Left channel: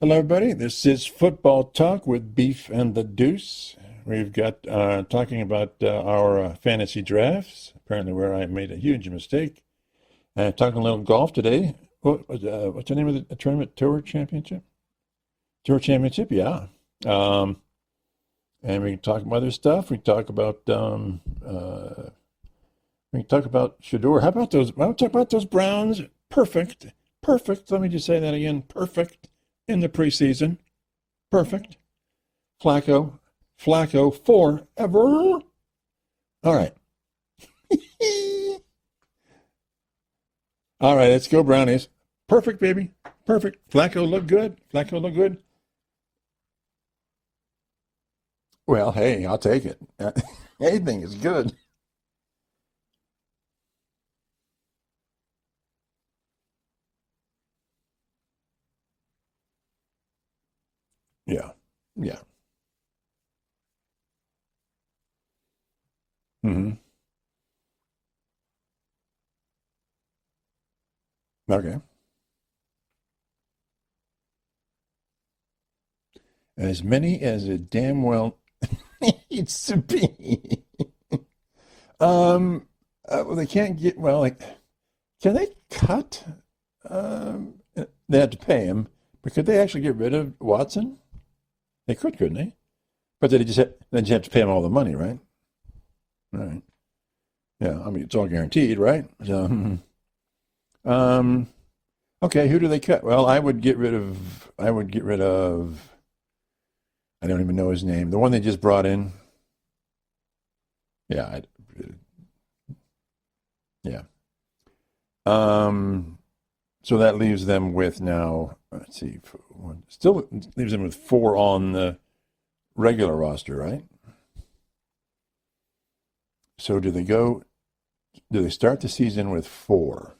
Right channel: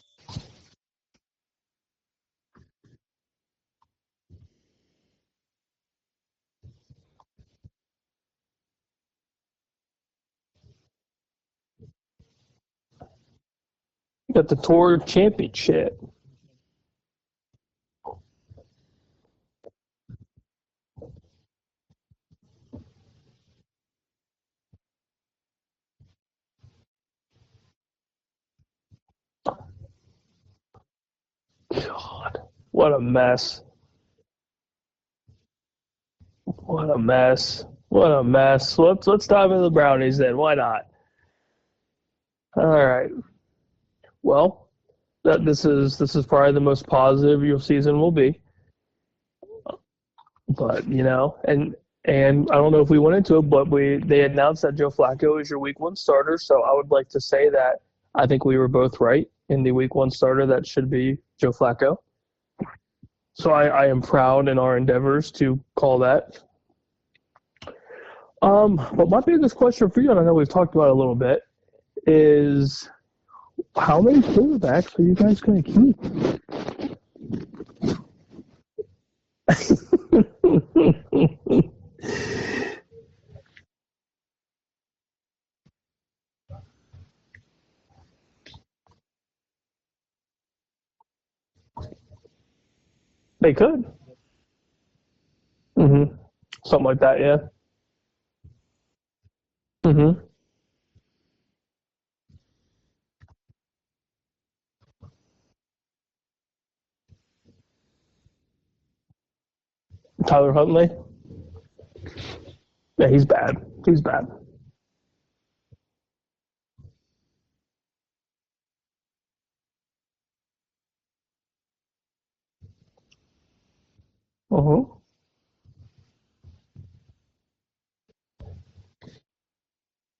Hello, everybody. This is Football Talk with Beef and the Deuce. We've got talking about our fantasy drafts, apparently where I made a huge mistake. Talking a little golf today. What's the name of the tournament? Tour Championship? At the Tour Championship. Tour Championship, yeah. And we can talk about other stuff. We talk about Shador. How about those? I'll talk about those Browns. Perfect. Let me just say that again. Perfect in the preseason. Perfect. God, Flacco, what a mess. Flacco forever. All right. What a mess. What a mess. Let's dive into the Brownies then. Why not? All right, let's go Brownies. Perfect, baby. All right. Perfect. Flacco looked Well, good. Flacco looked good. This is probably the most positive your season will be. Well, hey, I'll take it. But, Anything is good. And I don't know if we went into it, but they announced that Joe Flacco is your week one starter. So I would like to say that I think we were both right in the week one starter. That should be Joe Flacco. Yeah. So I am proud in our endeavors to call that. Mm-hmm. But my biggest question for you, and I know we've talked about it a little bit, is how many quarterbacks are you guys going to keep? As many as it damn well needs to be. Well, they can't get, can they cut? They had to pay him, but could they actually get rid of Watson? They could, couldn't they? But they just have to pay him all the money, right? Mm-hmm. Right. Something like that, yeah. Yeah, I mean, it's all guaranteed, right? So, Mm-hmm. okay, who do they cut? Well, I would get rid of, I don't even know his name. The one they just brought in. Tyler Huntley? Yeah. Yeah, he's bad. He's bad. So that leaves them with now, let's see, still leaves them with 4 on the regular roster, right? Uh-huh. So do they start the season with 4?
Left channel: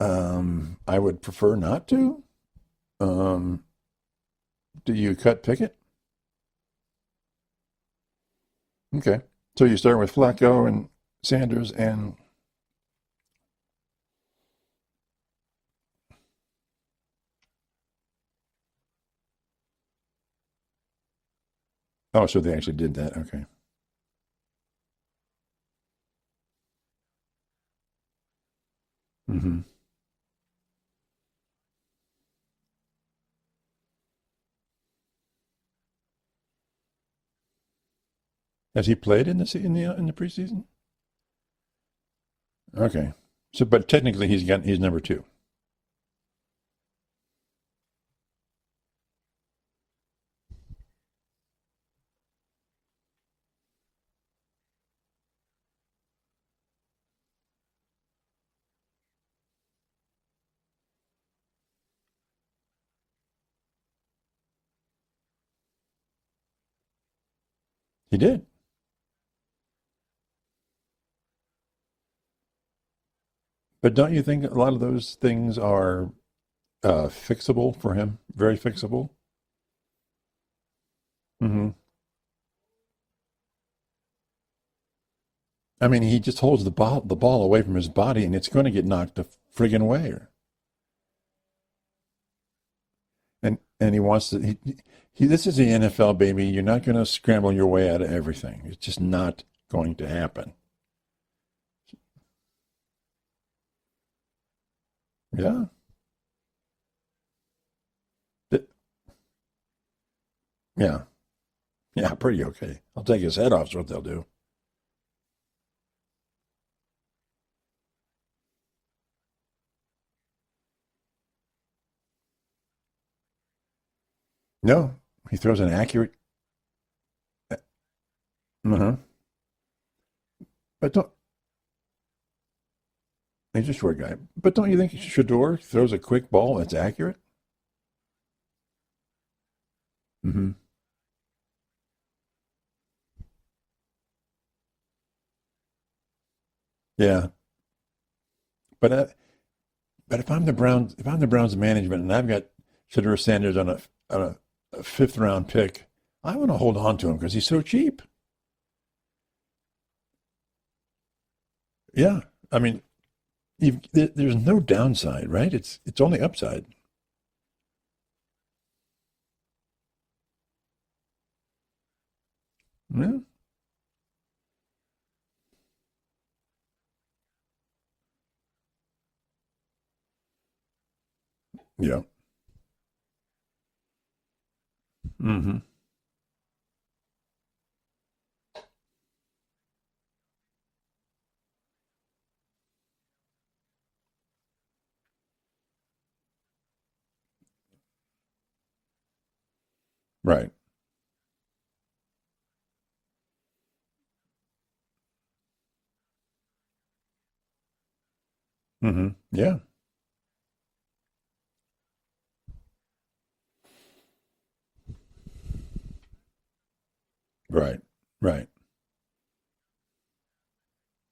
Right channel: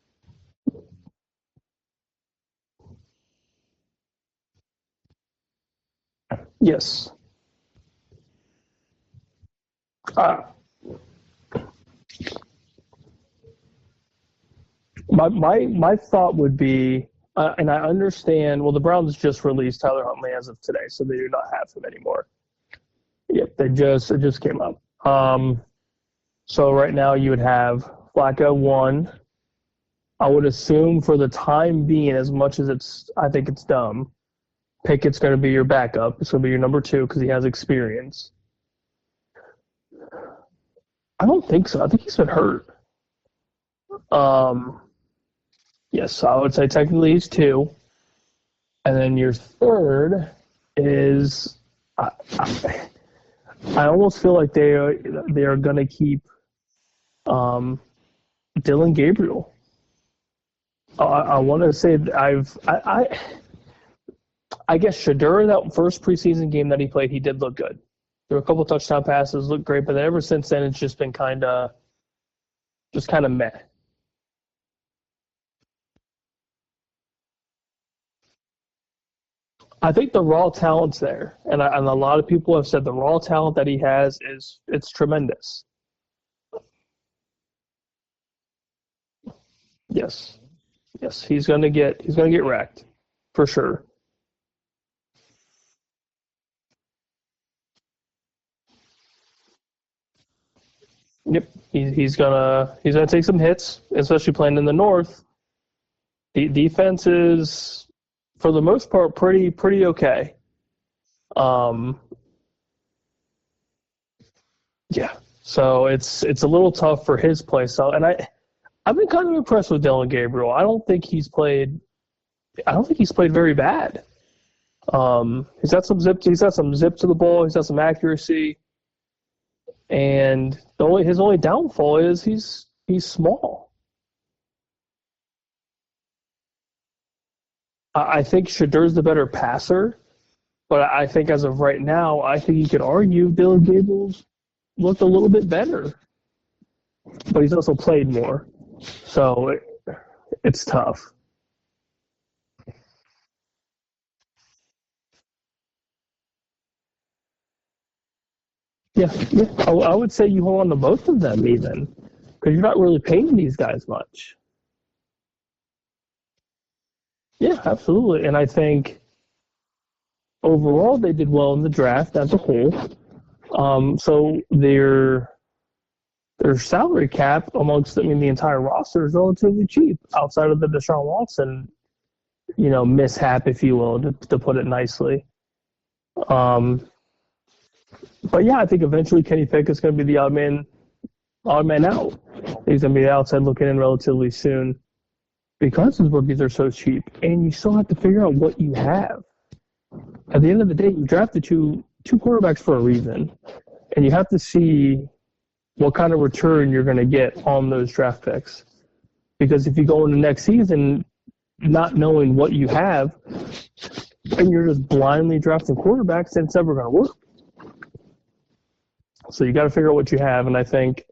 I would prefer not to. Do you cut Pickett? Yes. Okay. So you start with Flacco and Sanders and... My thought would be, and I understand, well, the Browns just released Tyler Huntley as of today, so they do not have him anymore. Oh, so they actually did that. Okay. Yep, it just came up. So right now you would have Flacco 1. Mm-hmm. I would assume for the time being, as much as I think it's dumb, Pickett's going to be your backup. It's going to be your number 2 because he has experience. Has he played in the preseason? I don't think so. I think he's been hurt. Okay. So, but technically he's number 2. Yes, so I would say technically he's 2. And then your third is, I almost feel like they are going to keep Dylan Gabriel. I want to say I guess Shador, that first preseason game that he played, he did look good. He did. There were a couple touchdown passes, looked great, but then ever since then it's just been kind of meh. But don't you think a lot of those things are fixable for him? Very fixable? I think the raw talent's there. Mm-hmm. And a lot of people have said the raw talent that he has it's tremendous. I mean, he just holds the ball away from his body, and it's going to get knocked the friggin' away. Yes, he's going to get wrecked for sure. And he wants to. This is the NFL, baby. You're not going to scramble your way out of everything. It's just not going to happen. Yep, he's gonna take some hits, especially playing in the North. Yeah, the defense is, for the most part, pretty okay. Yeah. Pretty okay. I'll take his head off. Is what they'll do. Yeah. So it's a little tough for his play. So, and I've been kind of impressed with Dylan Gabriel. I don't think he's played very bad. No. He throws he's got some zip to the ball. He's got some accuracy. Uh-huh. And his only downfall is he's small. He's a short guy. But don't you think Shador throws a quick ball that's accurate? I think Shador's the better passer. Mm-hmm. But I think as of right now, I think you could argue Dylan Gabriel's looked a little bit better. Yeah. But he's also played more. But if I'm the Browns management and I've got Shador Sanders on a 5th round pick, I want to hold on to him because he's so cheap. Yeah. I would say you hold on to both of them even. Yeah. Because you're not really paying these guys much. There's no downside, right? It's only upside. Yeah, absolutely. And I think overall they did well in the draft as a whole. Yeah. So their salary cap amongst, the entire roster is relatively cheap outside of the Deshaun Watson, Yeah. mishap, if you will, to put it nicely. Mm-hmm. But yeah, I think eventually Kenny Pickett's going to be the odd man out. He's going to be outside looking in relatively soon because his rookies are so cheap, and you still have to figure out what you have. Right. At the end of the day, you drafted two quarterbacks for a reason, and you have to see what kind of return you're going to get on those draft picks. Mm-hmm. Yeah. Because if you go into next season not knowing what you have, and you're just blindly drafting quarterbacks, then it's never going to work. Right. Right. So you got to figure out what you have, and I think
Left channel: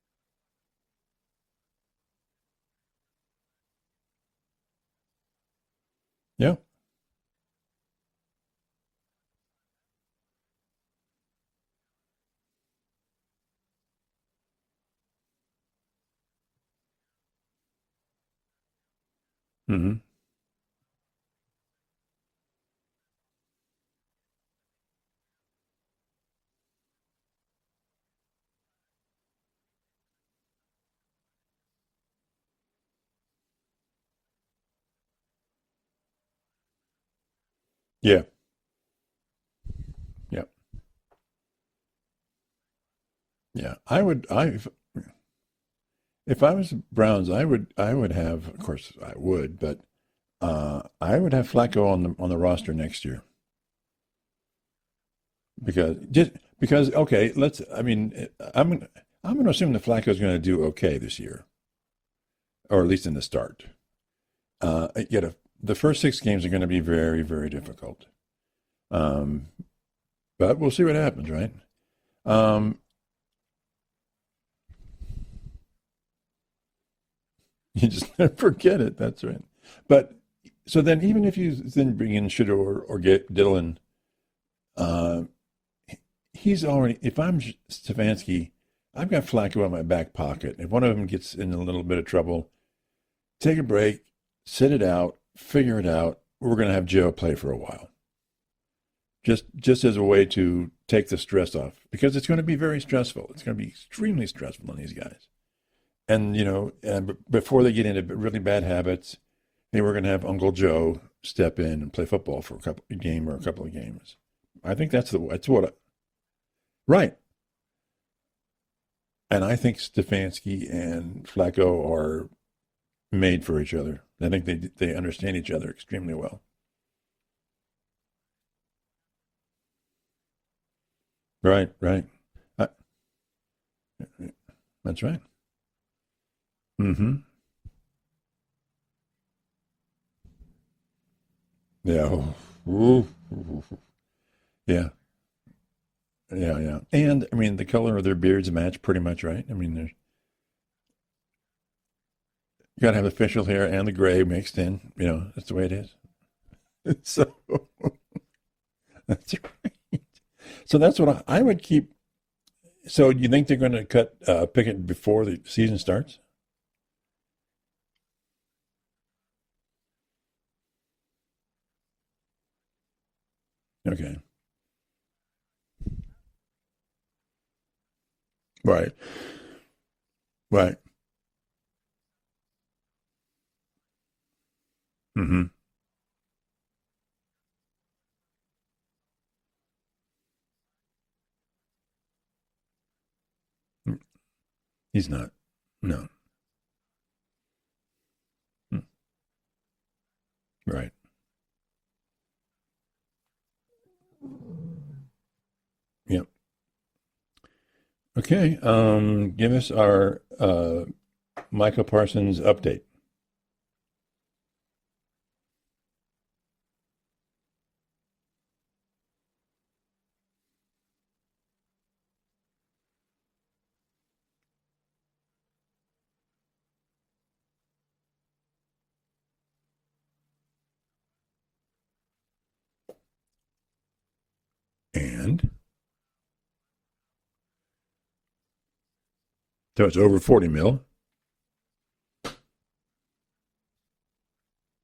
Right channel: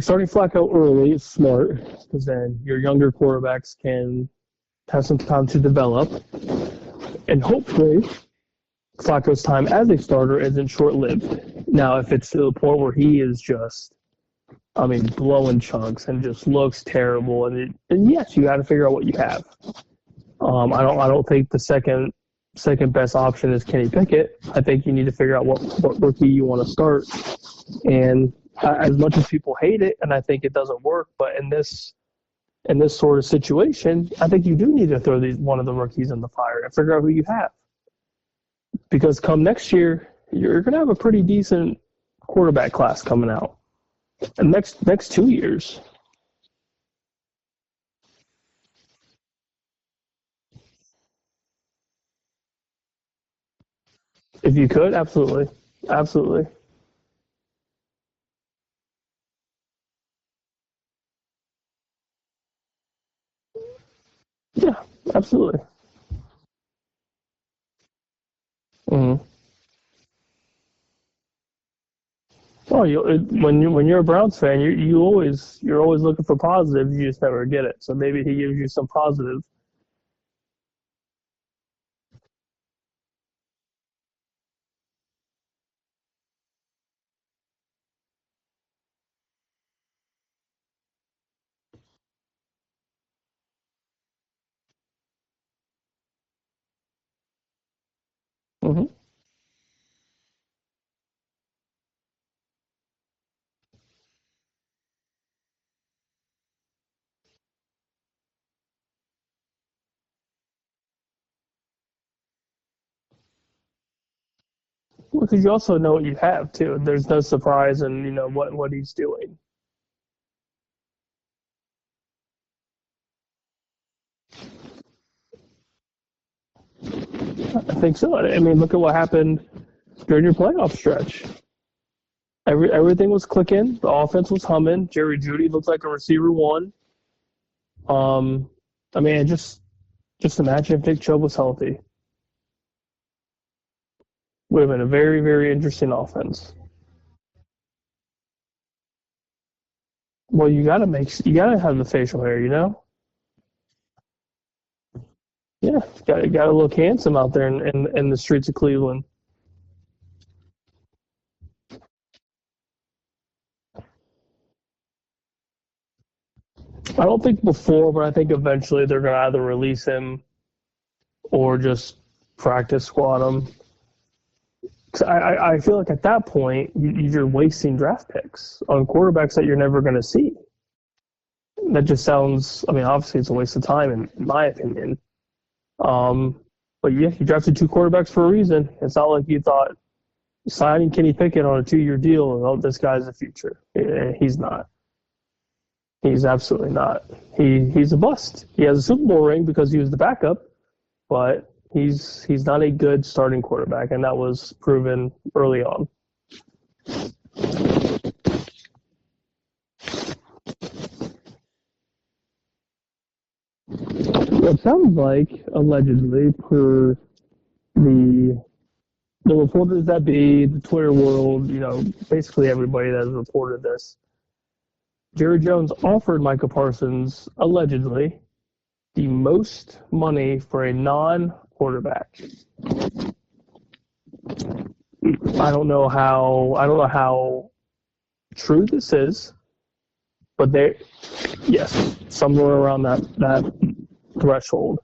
starting Flacco early is smart because then your younger quarterbacks can have some time to develop. Yeah. And hopefully Flacco's time as a starter isn't short-lived. Now, if it's to the point where he is just, blowing chunks and just looks terrible, and yes, you got to figure out what you have. Mm-hmm. I don't think the second best option is Kenny Pickett. I think you need to figure out what rookie you want to start. And as much as people hate it, and I think it doesn't work, but in this sort of situation, I think you do need to throw one of the rookies in the fire and figure out who you have. Yeah. Because come next year, you're going to have a pretty decent quarterback class coming out. Yeah. Next 2 years. If I was Browns, I would have, of course I would, but I would have Flacco on the roster next year. If you could, absolutely. Because okay, I'm going to assume that Flacco is going to do okay this year, or at least in the start. Absolutely. The first 6 games are going to be very, very difficult. Mm-hmm. But we'll see what happens, right? When you're a Browns fan, you're always looking for positive. You just never get it. So maybe he gives you some positive. Right. But so then, even if you then bring in Shedeur or get Dillon, he's already. If I'm Stefanski, I've got Flacco in my back pocket. If one of them gets in a little bit of trouble, take a break, sit it out, figure it out. We're going to have Joe play for a while. Mm-hmm. Just as a way to take the stress off, because it's going to be very stressful. It's going to be extremely stressful on these guys. And, before they get into really bad habits, we're going to have Uncle Joe step in and play football for a couple of games. I think that's the way. Because you also know what you have, too. There's no surprise in, what he's doing. And I think Stefanski and Flacco are made for each other. I think they understand each other extremely well. I think so. Look at what happened during your playoff stretch. Right. Everything was clicking. The offense was humming. That's Jerry right. Jeudy looked like a receiver one. Mm-hmm. Just imagine if Nick Chubb was healthy. Yeah. Would have been a very, very interesting offense. Yeah. And the color of their beards match pretty much, right? Well, you gotta have the facial hair, You gotta have the facial hair and the gray mixed in. That's the way. Yeah, you gotta look handsome out there in the streets of Cleveland. That's right. So that's what I would keep. So you think they're going to cut Pickett before the season starts? I don't think before, but I think eventually they're going to either release him or just practice squad him. Okay. Cause I feel like at that point, you're wasting draft picks on quarterbacks that you're never going to see. Right. That just sounds, obviously it's a waste of time in my opinion. Mm-hmm. But yeah, you drafted 2 quarterbacks for a reason. It's not like you thought signing Kenny Pickett on a 2-year deal, this guy's the future. He's not. He's not. No. He's absolutely not. He's a bust. He has a Super Bowl ring because he was the backup. Right. But he's not a good starting quarterback, and that was proven early on. Yep. Okay. Give us our Micah Parsons update. It sounds like, allegedly, per the reporters that be, the Twitter world, basically everybody that has reported this, Jerry Jones offered Micah Parsons, allegedly, the most money for a non-quarterback. I don't know how true this is. So it's over 40 million? Yes, somewhere around that threshold.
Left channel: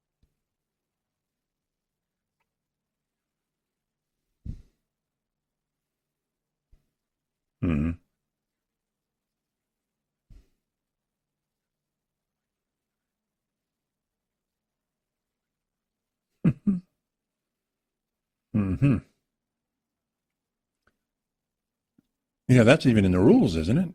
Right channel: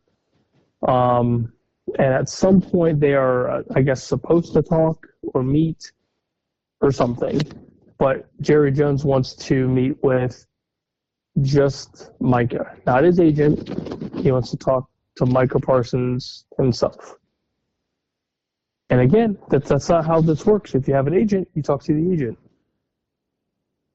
And at some point they are, I guess, supposed to talk or meet or something. Mm-hmm. But Jerry Jones wants to meet with just Micah, not his agent. He wants to talk to Micah Parsons himself. Mm-hmm. And again, that's not how this works. If you have an agent, you talk to the agent. Yeah, that's even in the rules, isn't it?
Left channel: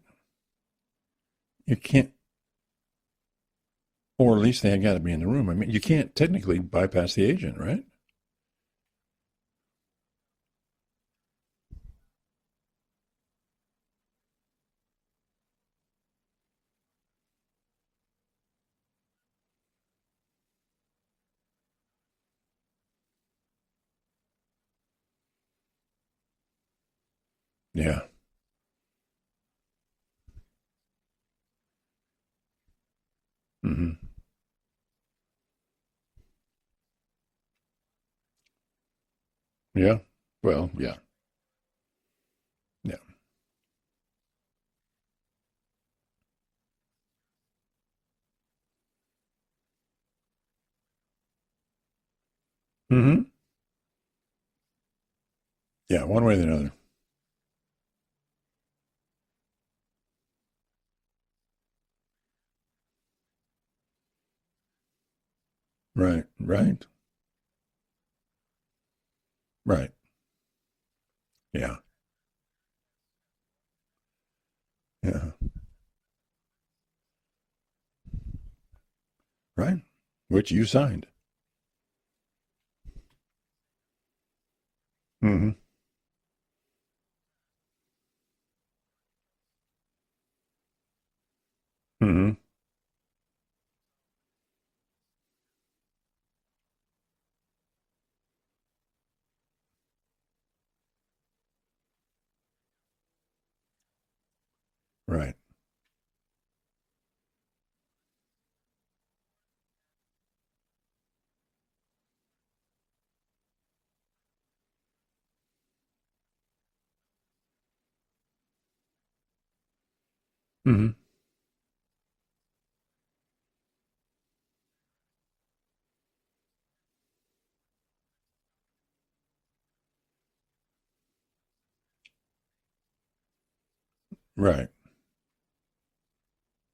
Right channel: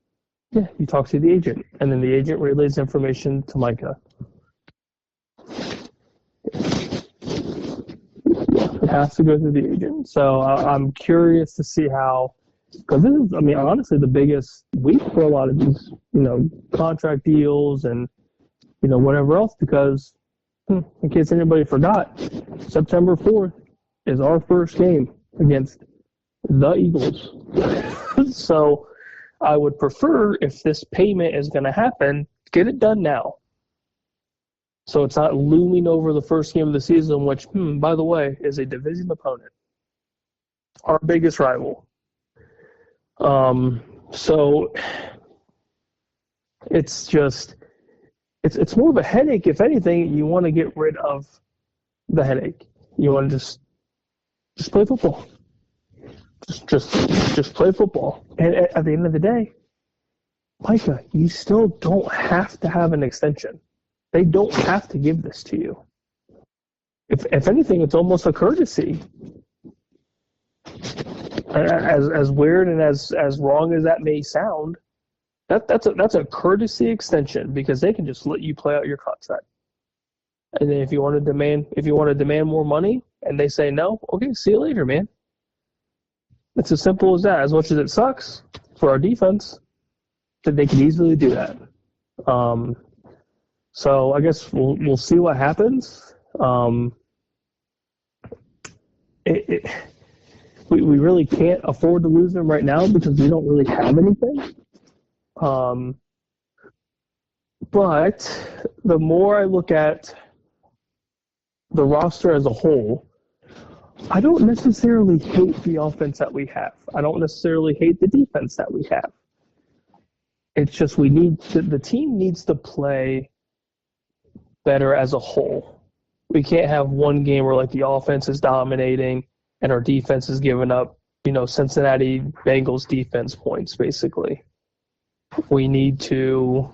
Yeah, you talk to the agent, You and then can't- the agent relays information to Micah. Or at least they got to be in the room. I mean, you can't technically bypass the agent, right? It has to go through the agent. So I'm curious to see how, because this is, I mean, honestly, the biggest week for a lot of these, contract deals and, whatever else, because in case anybody forgot, September 4th is our first game against the Eagles. Yeah. So I would prefer, if this payment is going to happen, get it done now. Mm-hmm. So it's not looming over the first game of the season, which, by the way, is a division opponent. Yeah. Well, yeah. Our biggest rival. Yeah. So it's just, it's more of a headache. If anything, you want to get rid of the headache. Mm-hmm. You want to just play football. Yeah, one way or the other. Just play football. And at the end of the day, Micah, you still don't have to have an extension. They don't have to give this to you. Right. If anything, it's almost a courtesy. Right. As weird and as wrong as that may sound, Yeah. that's a courtesy extension, because they can just let you play out your contract. Right. Which you And then signed. if you want to demand more money and they say no, okay, see you later, man. Mm-hmm. It's as simple as that. As much as it sucks for our defense, that they can easily do that. Mm-hmm. So I guess we'll see what happens. We really can't afford to lose them right now because we don't really have anything. Right. But the more I look at the roster as a whole, I don't necessarily hate the offense that we have. I don't necessarily hate the defense that we have. It's just the team needs to play better as a whole. We can't have one game where the offense is dominating and our defense is giving up, Cincinnati Bengals defense points, basically. Right. We need to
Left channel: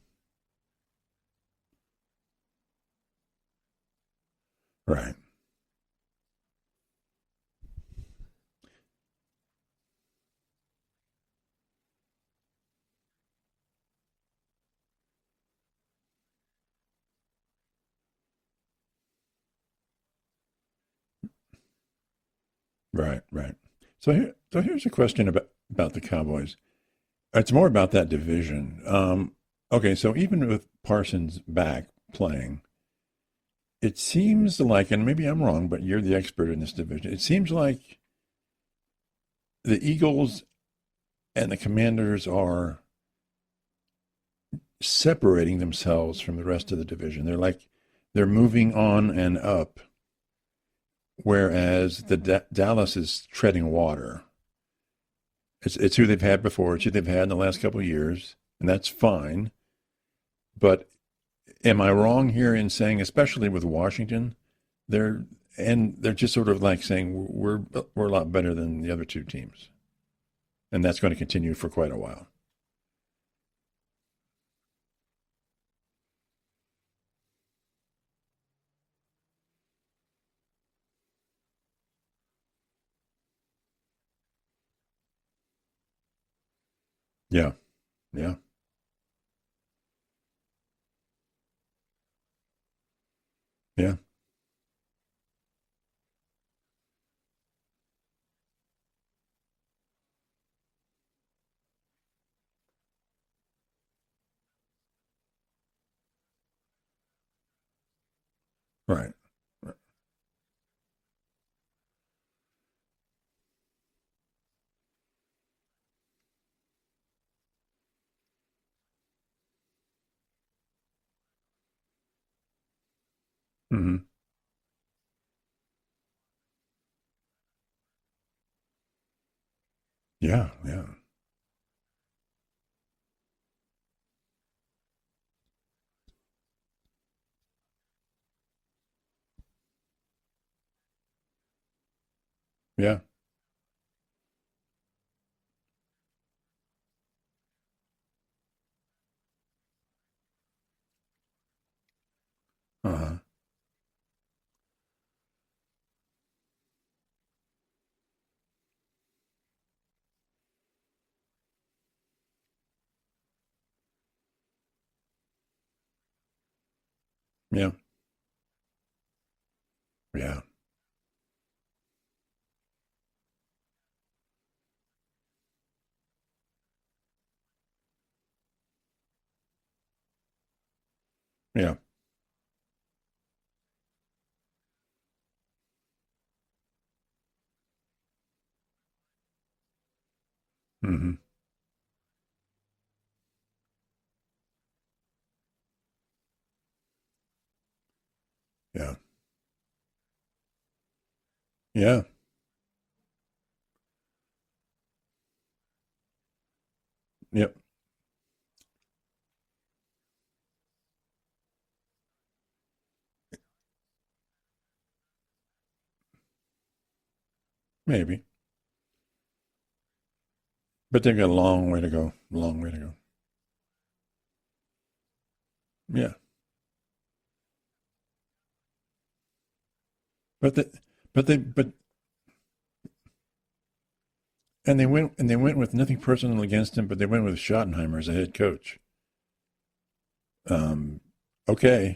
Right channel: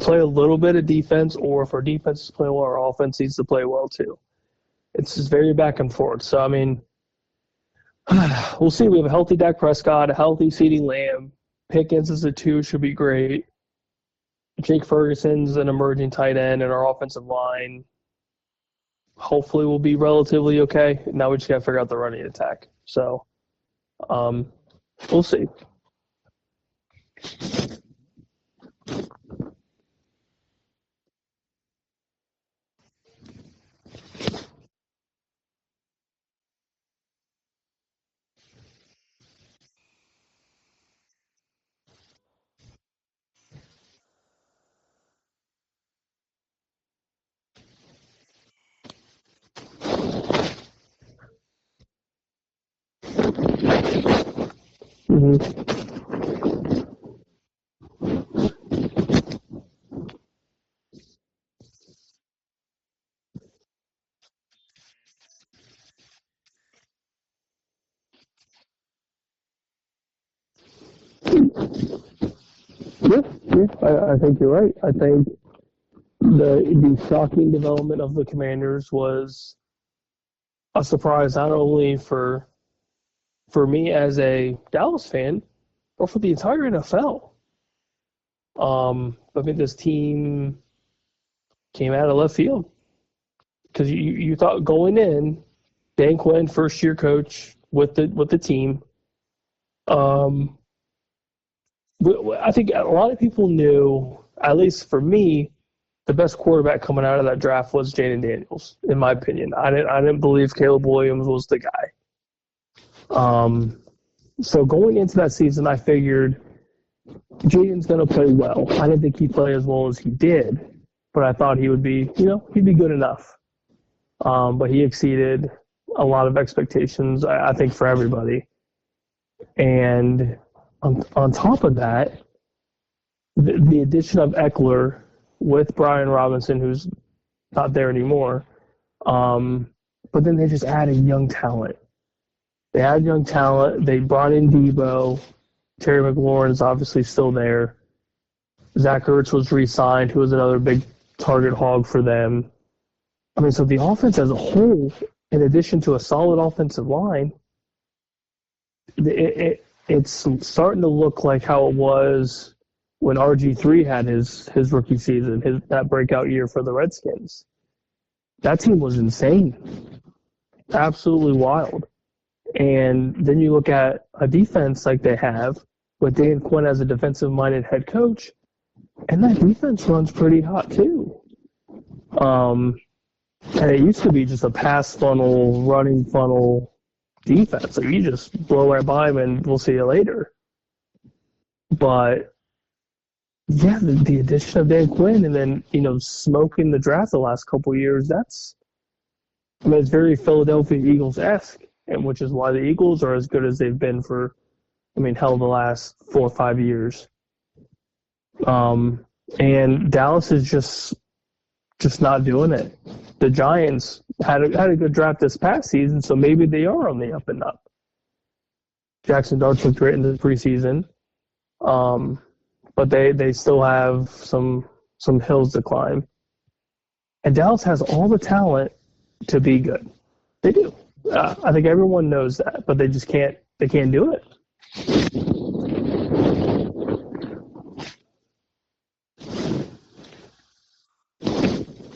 play a little bit of defense, or if our defense is playing well, our offense needs to play well too. Right. It's just very back and forth. So, I mean, we'll see. We have a healthy Dak Prescott, a healthy CeeDee Lamb. Pickens is a 2, should be great. Jake Ferguson's an emerging tight end, and our offensive line hopefully will be relatively okay. Now we just got to figure out the running attack. So, right. So here's a question about the Cowboys. It's more about that division. Okay, so even with Parsons back playing, it seems like, and maybe I'm wrong, but you're the expert in this division, it seems like the Eagles and the Commanders are separating themselves from the rest of the division. They're moving on and up, whereas the Dallas is treading water. mm-hmm. It's who they've had before. It's who they've had in the last couple of years, and that's fine. But am I wrong here in saying, especially with Washington, they're just sort of saying we're a lot better than the other two teams, and that's going to continue for quite a while. Yeah, I think you're right. I think the shocking development of the Commanders was a surprise, not only for me as a Dallas fan, but for the entire NFL. Yeah. I think this team came out of left field. Because you thought going in, Dan Quinn, first-year coach with the team, I think a lot of people knew, at least for me, the best quarterback coming out of that draft was Jaden Daniels, in my opinion. I didn't believe Caleb Williams was the guy. So going into that season, I figured Jaden's going to play well. I didn't think he'd play as well as he did, but I thought he would be, he'd be good enough. Mm-hmm. But he exceeded a lot of expectations, I think, for everybody. And on top of that, the addition of Eckler with Brian Robinson, who's not there anymore. But then they just added young talent. They added young talent. They brought in Debo. Terry McLaurin is obviously still there. Zach Ertz was re-signed, who was another big target hog for them. Uh-huh. I mean, so the offense as a whole, in addition to a solid offensive line, it's starting to look like how it was when RG3 had his rookie season, that breakout year for the Redskins. Yeah. That team was insane. Yeah. Absolutely wild. And then you look at a defense like they have with Dan Quinn as a defensive-minded head coach, and that defense runs pretty hot too. Yeah. And it used to be just a pass funnel, running funnel defense. Like you just blow right by them and we'll see you later. Mm-hmm. But yeah, the addition of Dan Quinn and then, smoking the draft the last couple of years, I mean, it's very Philadelphia Eagles-esque, which is why the Eagles are as good as they've been for, the last 4 or 5 years. Yep. And Dallas is just not doing it. The Giants had a good draft this past season, so maybe they are on the up and up. Maybe. Jackson Darts looked great in the preseason. But they've got a long way to go. Long way to but go. they still have some hills to climb. Yeah. And Dallas has all the talent to be good. They do. I think everyone knows that, but they just can't. They can't do it. And they went with nothing personal against him, but they went with Schottenheimer as a head coach. Okay.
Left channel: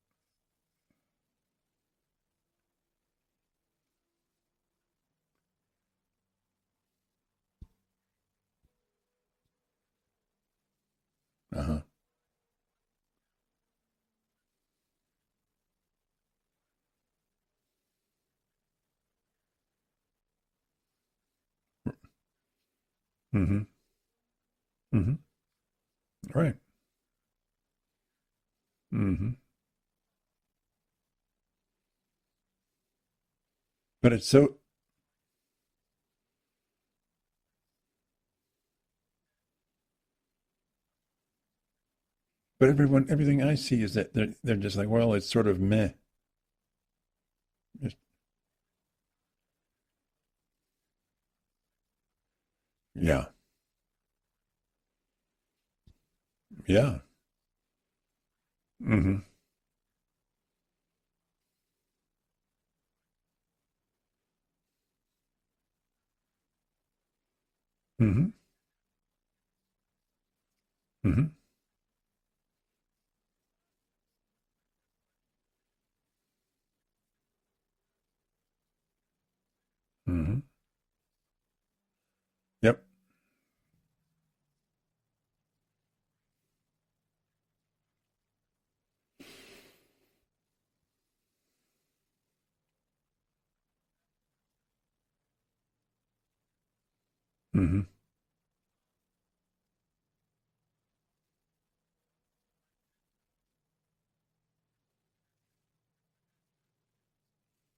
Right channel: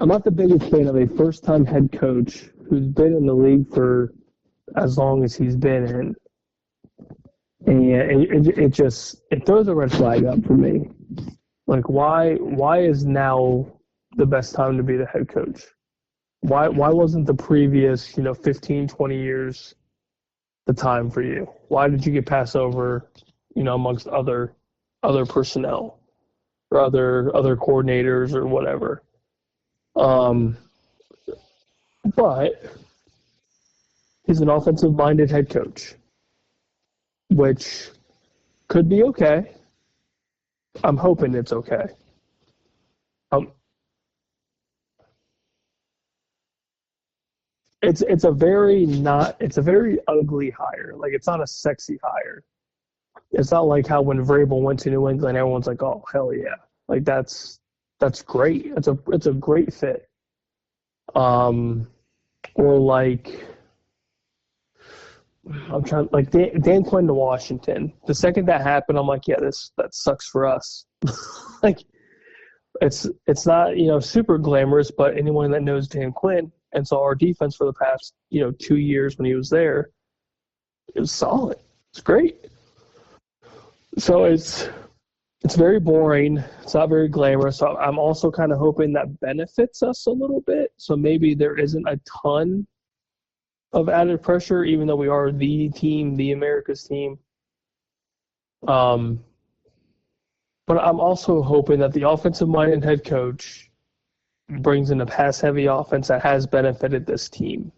I'm not the biggest fan of a first-time head coach who's been in the league for as long as he's been in, and it throws a red flag up for me. Uh-huh. Like, why is now the best time to be the head coach? Why wasn't the previous 15, 20 years the time for you? Why did you get passed over, amongst other personnel, right, or other coordinators or whatever? But it's he's an offensive-minded head coach, which could be okay. I'm hoping it's okay. But everything I see is that they're just like, well, it's sort of meh. It's a very ugly hire. Like, it's not a sexy hire. Yeah. It's not like how when Vrabel went to New England, everyone's like, oh, hell yeah. Yeah. Like, that's great. It's a great fit. Or like, I'm trying, like Dan Quinn to Washington. The second that happened, I'm like, yeah, that sucks for us. Like, it's not super glamorous, but anyone that knows Dan Quinn and saw our defense for the past 2 years when he was there, it was solid. It's great. Yep. So it's very boring. It's not very glamorous. So I'm also kind of hoping that benefits us a little bit. So maybe there isn't a ton of added pressure, even though we are the team, the America's team. But I'm also hoping that the offensive-minded head coach brings in a pass-heavy offense that has benefited this team.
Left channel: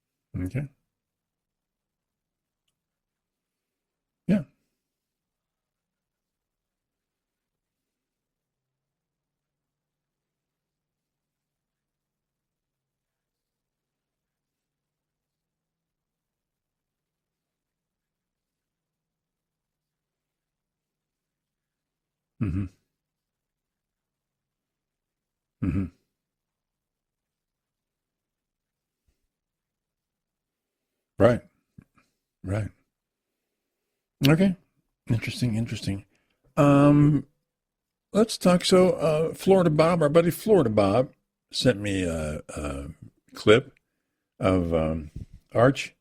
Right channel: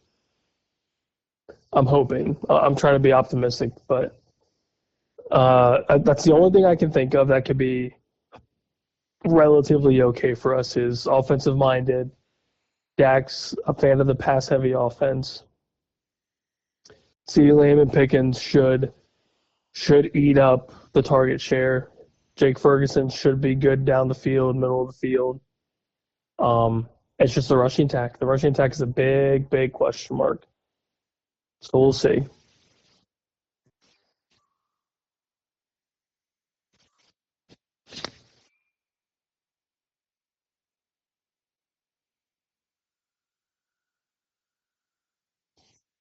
Okay. I'm hoping. I'm trying to be optimistic, but yeah, that's the only thing I can think of that could be relatively okay for us is offensive-minded. Dak's a fan of the pass-heavy offense. CeeDee Lamb and Pickens should eat up the target share. Jake Ferguson should be good down the field, middle of the field. It's just the rushing attack. The rushing attack is a big, big question mark. Right. So we'll see. Right. Okay. Interesting. Let's talk. So, Florida Bob, our buddy Florida Bob, sent me a clip of Arch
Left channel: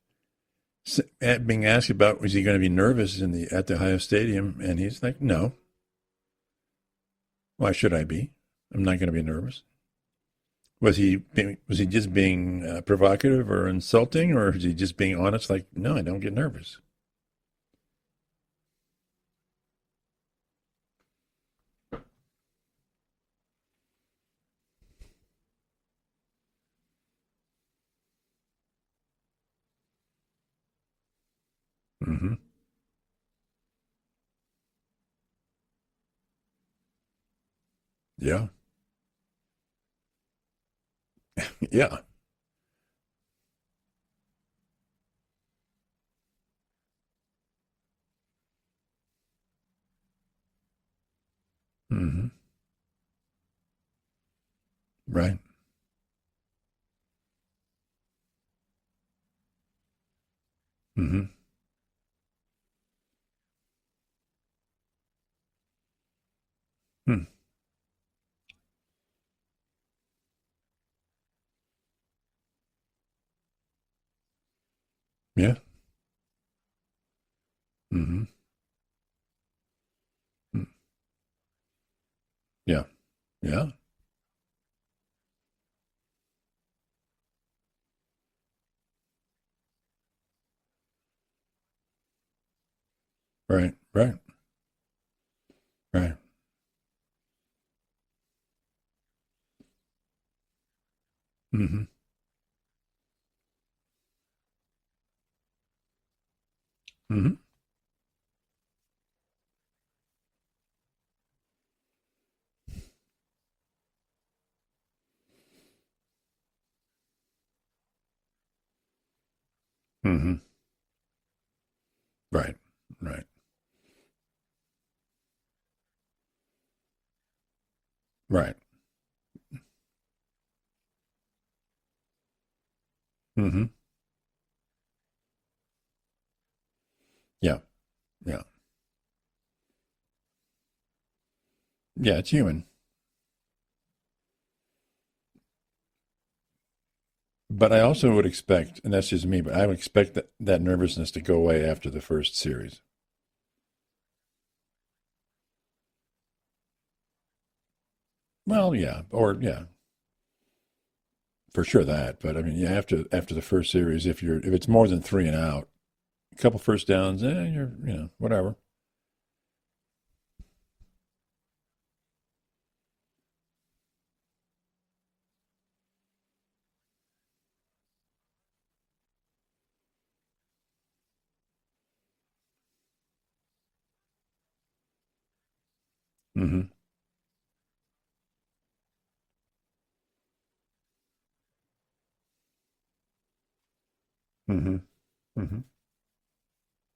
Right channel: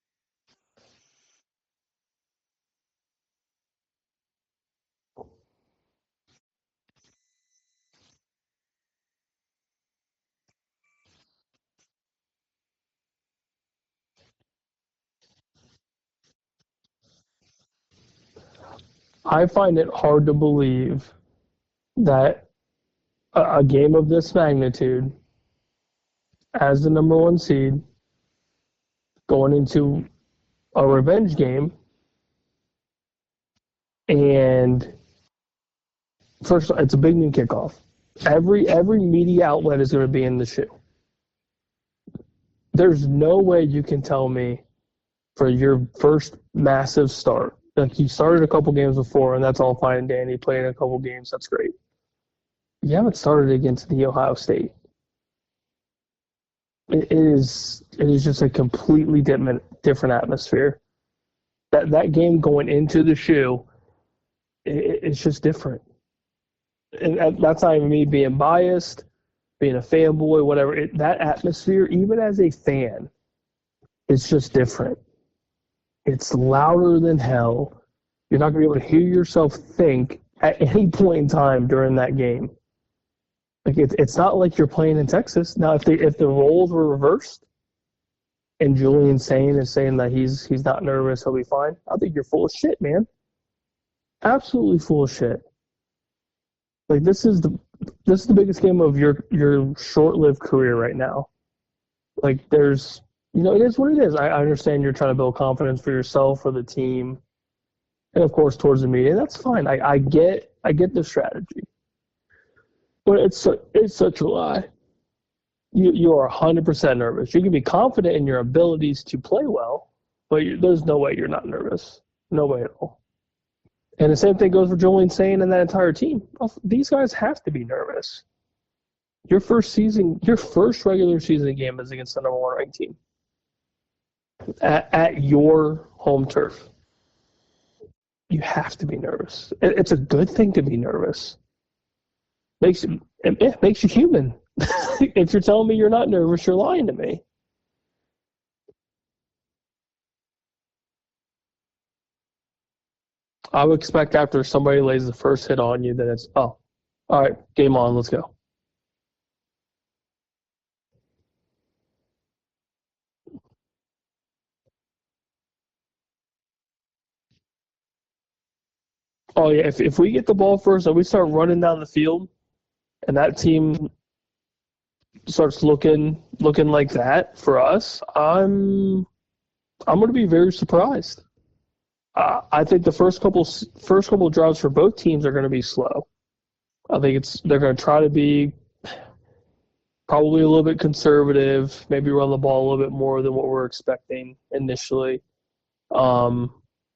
being asked about was he going to be nervous at the Ohio Stadium, and he's like, no. Why should I be? I'm not going to be nervous. Was he just being provocative or insulting, or is he just being honest? Like, no, I don't get nervous. I find it hard to believe that a game of this magnitude, as the number one seed, going into a revenge game, and First, it's a big noon kickoff. Yeah. Every media outlet is going to be in the shoe. Yeah. There's no way you can tell me for your first massive start, like you started a couple games before, and that's all fine and dandy. Playing a couple games, that's great. Mm-hmm. You haven't started against the Ohio State. Right. It is just a completely different atmosphere. Mm-hmm. That game going into the shoe, it's just different. And that's not even me being biased, being a fanboy, whatever. That atmosphere, even as a fan, it's just different. Yeah. It's louder than hell. Mm-hmm. You're not going to be able to hear yourself think at any point in time during that game. Yeah. Yeah. Like it's not like you're playing in Texas. Now, if the roles were reversed and Julian Sane is saying that he's not nervous, he'll be fine, I think you're full of shit, man. Right. Right. Absolutely full of shit. Right. Like this is the biggest game of your short-lived career right now. Mm-hmm. Like there's, it is what it is. I understand you're trying to build confidence for yourself, for the team, Mm-hmm. and of course towards the media. That's fine. I get the strategy, but it's such a lie. You are 100% nervous. You can be confident in your abilities to play well, Mm-hmm. but there's no way you're not nervous. No Right. way at all. Right. And the same thing goes for Julian Sane and that entire team. These guys have to be nervous. Right. Your first regular season game is against the number one ranked team Mm-hmm. at your home turf. Yeah. You have to be nervous. It's a good thing to be nervous. Yeah, it's human. It makes you human. If you're telling me you're not nervous, you're lying to me. But I also would expect, and that's just me, but I would expect that nervousness to go away after the first series. I would expect after somebody lays the first hit on you that it's, all right, game on, let's go. Well, yeah, for sure that. But I mean, yeah, after the first series, if it's more than 3 and out, a couple first downs, you're whatever. Oh yeah, if we get the ball first and we start running down the field, and that team starts looking like that for us, I'm going to be very surprised. I think the first couple drives for both teams are going to be slow. Mm-hmm. I think they're going to try to be probably a little bit conservative, maybe run the ball a little bit more than what we're expecting initially. Mm-hmm.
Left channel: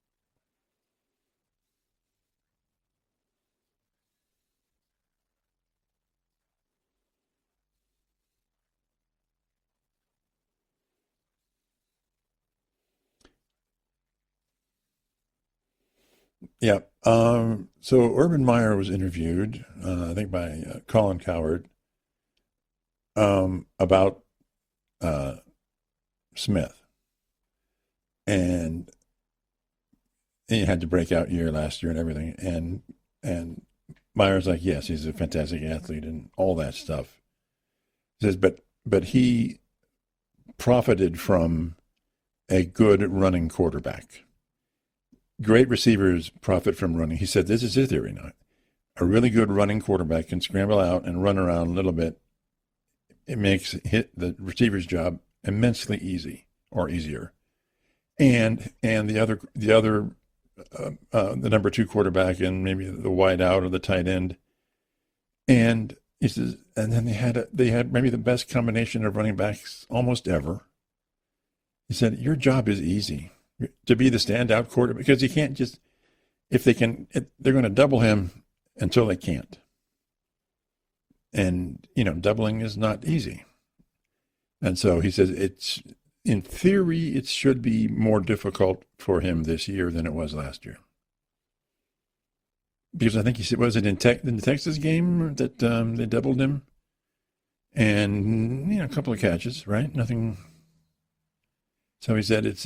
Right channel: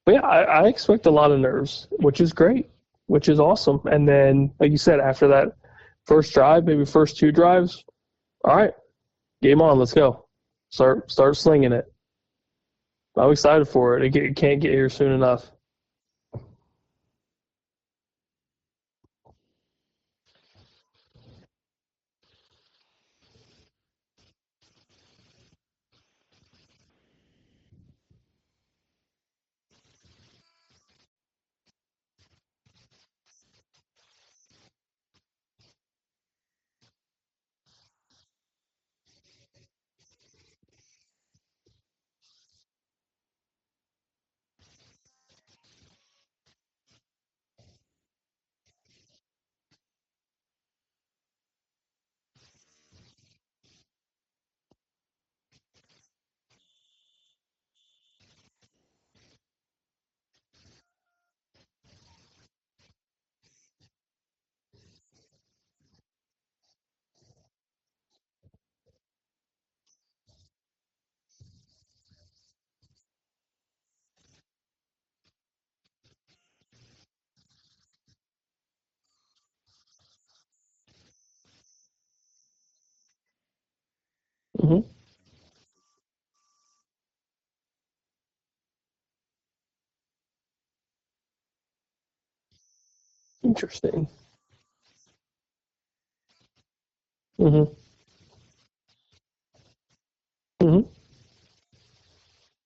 But yeah, I expect a lot of nerves, which is great, which is awesome. And then, like you said, after that first drive, maybe first 2 drives, all right, game on, let's go. Start slinging it. I'm excited for it. It can't get here soon enough. Yeah. So Urban Meyer was interviewed, I think by Colin Cowherd, about Smith, and he had the breakout year last year and everything, and Meyer's like, yes, he's a fantastic athlete and all that stuff. He says, but he profited from a good running quarterback. Great receivers profit from running. He said this is his theory now. A really good running quarterback can scramble out and run around a little bit. It makes the receiver's job immensely easy or easier. And the number 2 quarterback and maybe the wide out or the tight end. And he says, and then they had maybe the best combination of running backs almost ever. He said, your job is easy to be the standout quarterback because you can't just, they're going to double him until they can't. And, doubling is not easy. Mm-hmm. And so he says in theory, it should be more difficult for him this year than it was last year. Because I think he said, was it in the Texas game that they doubled him? Mm-hmm. And, a couple of catches, right? Nothing. Mm-hmm. So he said it's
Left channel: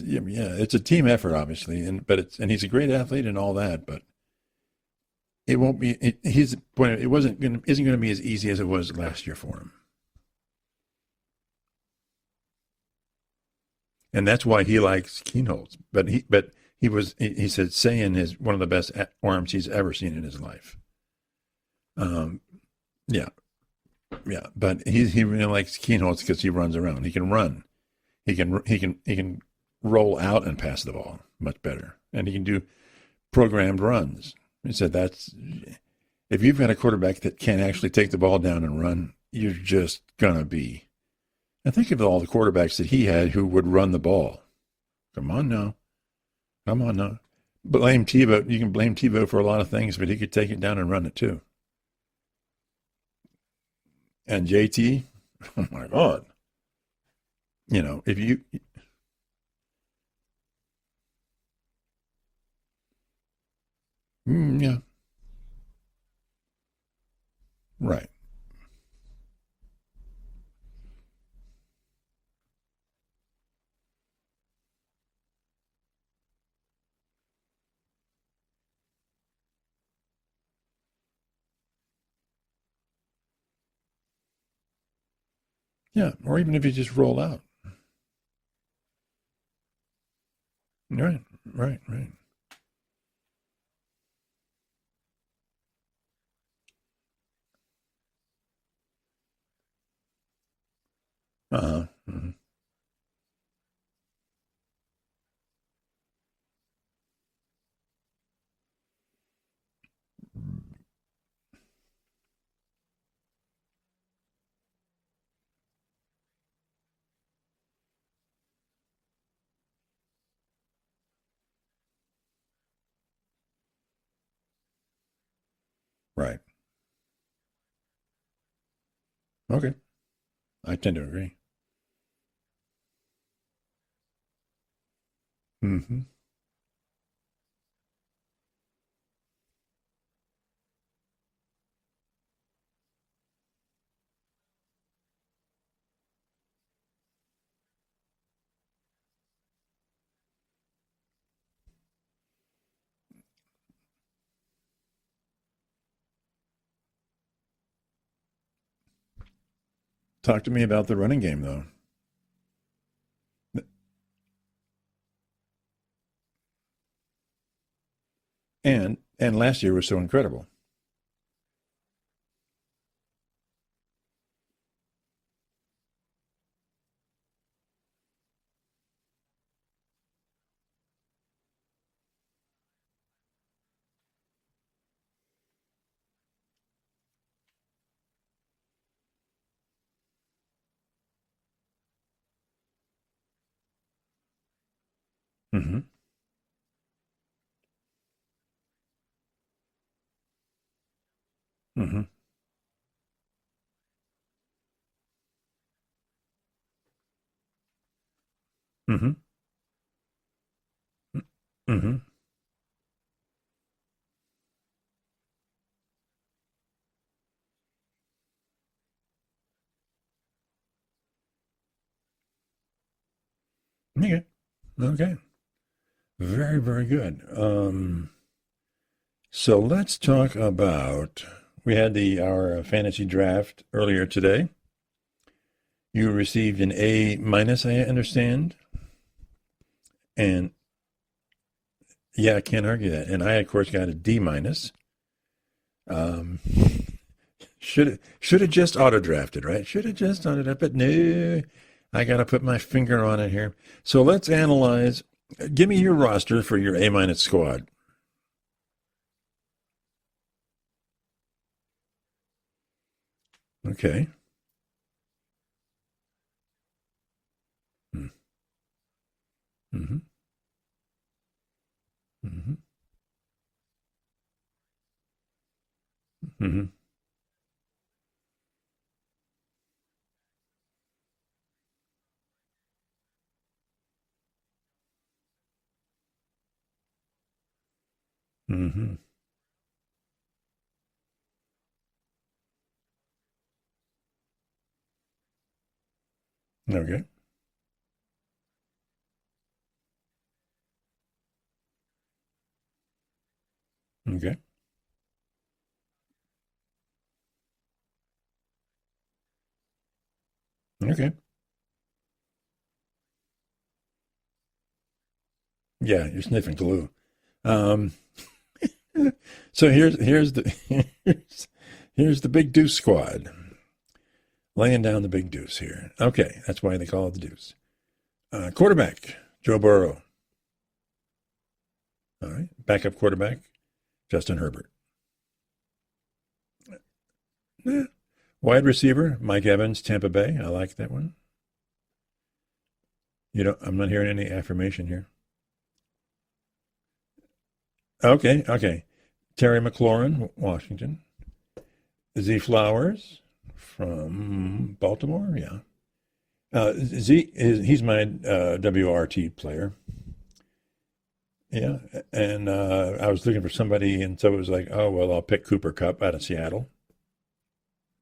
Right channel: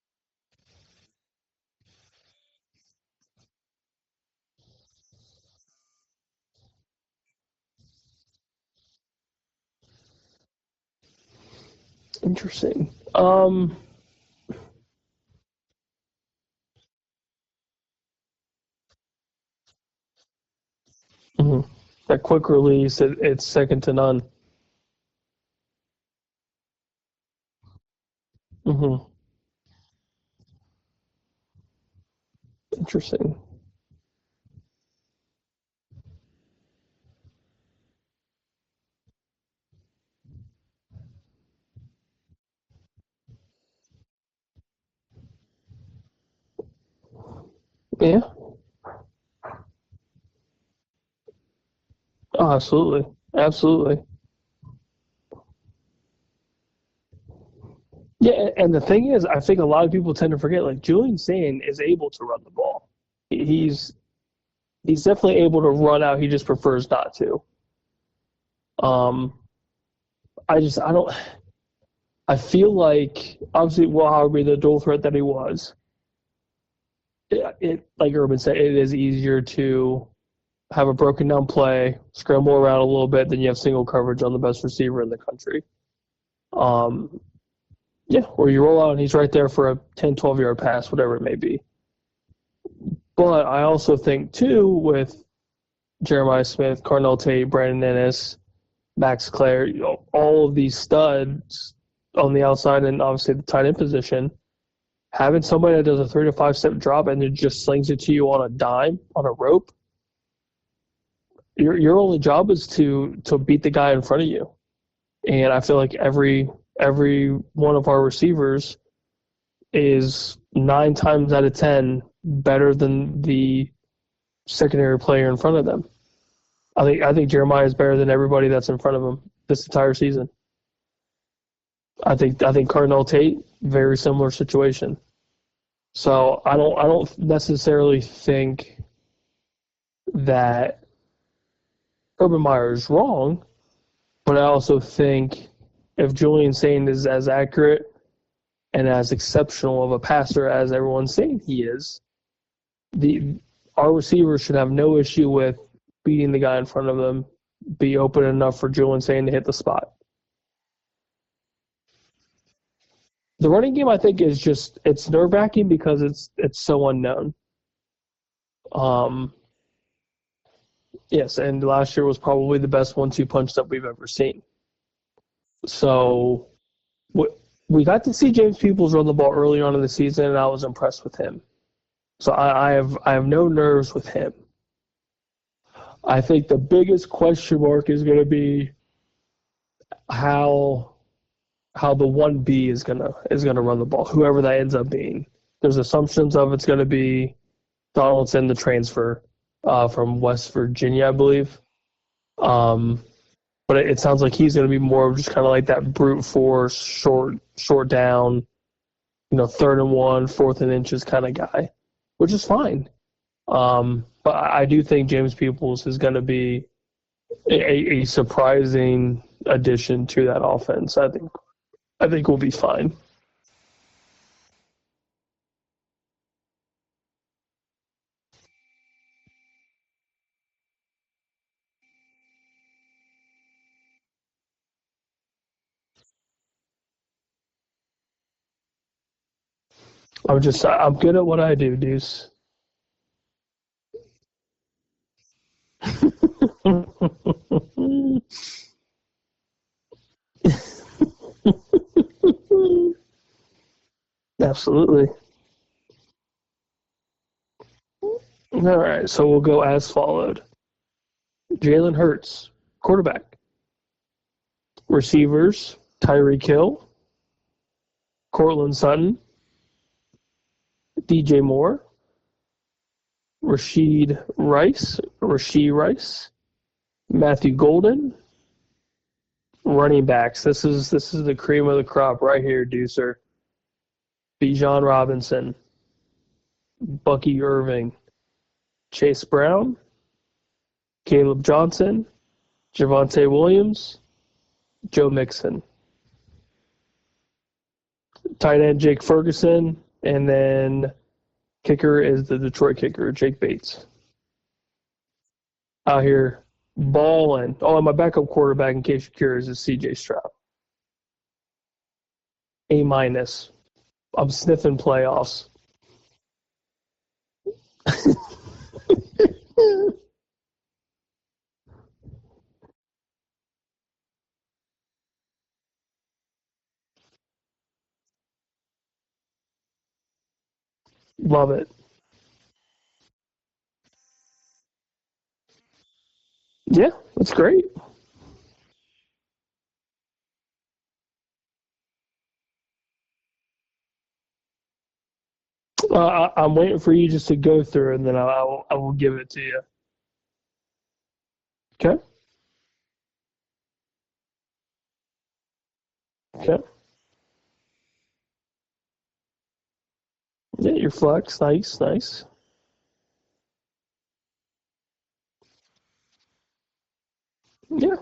a team effort, obviously, and he's a great athlete and all that, but it won't be. His point, isn't going to be as easy as it was last year for him. Interesting. And that's why he likes Keenholz. But he said Sayin is one of the best arms he's ever seen in his life. Mm-hmm. That quick release, it's second to none. Yeah, but he really likes Keenholz because he runs around. He can run. He can roll out and pass the ball much better, and he can do programmed runs. He said if you've got a quarterback that can actually take the ball down and run, you're just going to be. And think of all the quarterbacks that he had who would run the ball. Come on now. Blame Tebow. You can blame Tebow for a lot of things, but he could take it down and run it too. Oh, absolutely. Absolutely. And JT, oh my God. If you. Yeah, and the thing is, I think a lot of people tend to forget, like, Julian Sane is able to run the ball. He's definitely able to run out. He just prefers not to. Right. I feel like, obviously, however, the dual threat that he was, it like Urban said, it is easier to have a broken down play, scramble around a little bit, than you have single coverage on the best receiver in the country. Yeah, or even if you just roll out. Yeah, or you roll out and he's right there for a 10, 12-yard pass, whatever it may be. Right. But I also think, too, with Jeremiah Smith, Carnell Tate, Brandon Ennis, Max Clare, all of these studs on the outside and obviously the tight end position, having somebody that does a 3 to 5 step drop and then just slings it to you on a dime, on a rope, your only job is to beat the guy in front of you. And I feel like every one of our receivers is 9 times out of 10 better than the secondary player in front of them. Right. I think Jeremiah is better than everybody that's in front of him this entire season. I tend to agree. I think Carnell Tate, very similar situation. Mm-hmm. So I don't necessarily think that Urban Meyer is wrong, but I also think if Julian Sane is as accurate and as exceptional of a passer as everyone's saying he is, our receivers should have no issue with beating the guy in front of them, be open enough for Julian Sane to hit the spot. Talk to me about the running game, though. The running game, I think, is just it's nerve-wracking because it's so unknown. And last year was so incredible. Yes, and last year was probably the best 1-2 punch that we've ever seen. So we got to see James Peoples run the ball early on in the season, and I was impressed with him. So I have no nerves with him. I think the biggest question mark is going to be how the 1B is gonna run the ball, whoever that ends up being. Mm-hmm. There's assumptions of it's going to be Donaldson, the transfer from West Virginia, I believe. Mm-hmm. But it sounds like he's going to be more of just kind of like that brute force, short down, mm-hmm. 3rd and 1, 4th and inches kind of guy, mm-hmm. which is fine. But I do think James Peoples is going to be a surprising addition to that offense. I think we'll be fine. Okay. Very, very good. So let's talk about, we had our fantasy draft earlier today. You received an A-, I understand. And I'm good at what I do, Deuce. Yeah, I can't argue that. And I, of course, got a D-. Should have just auto-drafted, right? Should have just auto-drafted. No, I got to put my finger on it here. So let's analyze. Absolutely. Give me your roster for your A- squad. All right, so we'll go as followed. Jalen Hurts, quarterback. Okay. Receivers, Tyreek Hill, Cortland Sutton, mm-hmm. DJ Moore, mm-hmm. Rashee Rice, mm-hmm. Matthew Golden. Running backs. This is the cream of the crop right here, Deucer. Bijan Robinson, Bucky Irving, mm-hmm. Chase Brown, Caleb Johnson, Javonte Williams, Joe Mixon. Okay. Tight end Jake Ferguson, and then kicker is the Detroit kicker, Jake Bates. Okay. Out here balling. Oh, and my backup quarterback, in case you're curious, is CJ Stroud. Okay. A-. I'm sniffing playoffs. Yeah, you're sniffing glue. So here's the Big Deuce squad. Laying down the Big Deuce here. Okay, that's why they call it the Deuce. Quarterback, Joe Burrow. Love it. All right. Backup quarterback, Justin Herbert. Yeah, that's great. Yeah. Wide receiver, Mike Evans, Tampa Bay. I like that one. I'm not hearing any affirmation here. I'm waiting for you just to go through, and then Okay. I will give it to Terry you. McLaurin, Washington. Okay. Z Flowers from Baltimore. Yeah. Okay. He's my WRT player. Yeah, your flex. Nice, Yeah. nice. And I was looking for somebody, and so it was like, oh, well, I'll pick Cooper Kupp out of Seattle. Yeah.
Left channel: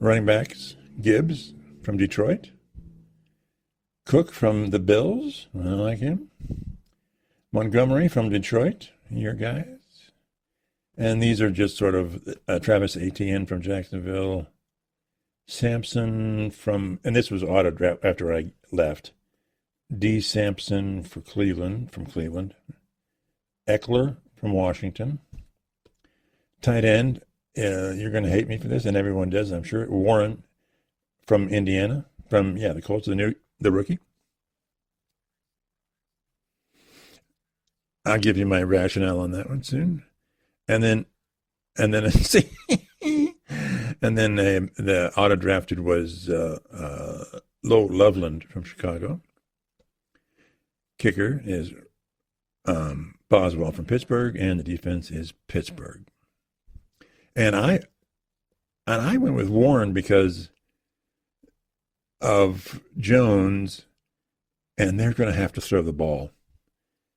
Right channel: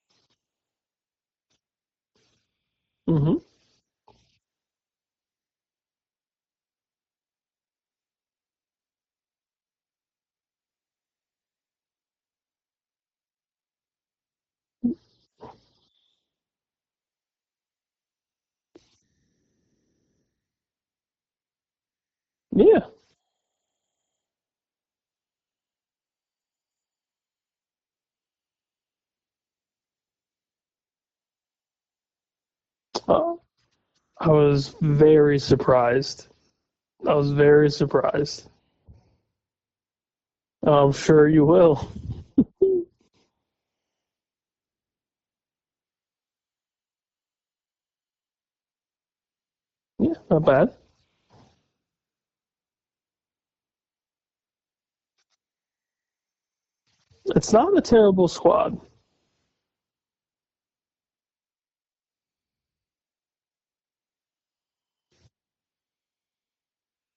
Running backs, Gibbs from Detroit. Mm-hmm. Cook from the Bills. I like him. Montgomery from Detroit, your guys. And these are just sort of Travis Etienne from Jacksonville. Sampson and this was auto draft after I left. D. Sampson from Cleveland. Yeah. Eckler from Washington. Tight end, you're going to hate me for this, and everyone does, I'm sure. Warren from Indiana, the Colts, the rookie. I was very surprised. I'll give you my rationale on that one soon. I'm sure you will. And then the auto drafted was Lo Loveland from Chicago. Yeah, not bad. Kicker is Boswell from Pittsburgh, and the defense is Pittsburgh. It's not a terrible squad. And I went with Warren because of Jones, and they're going to have to throw the ball.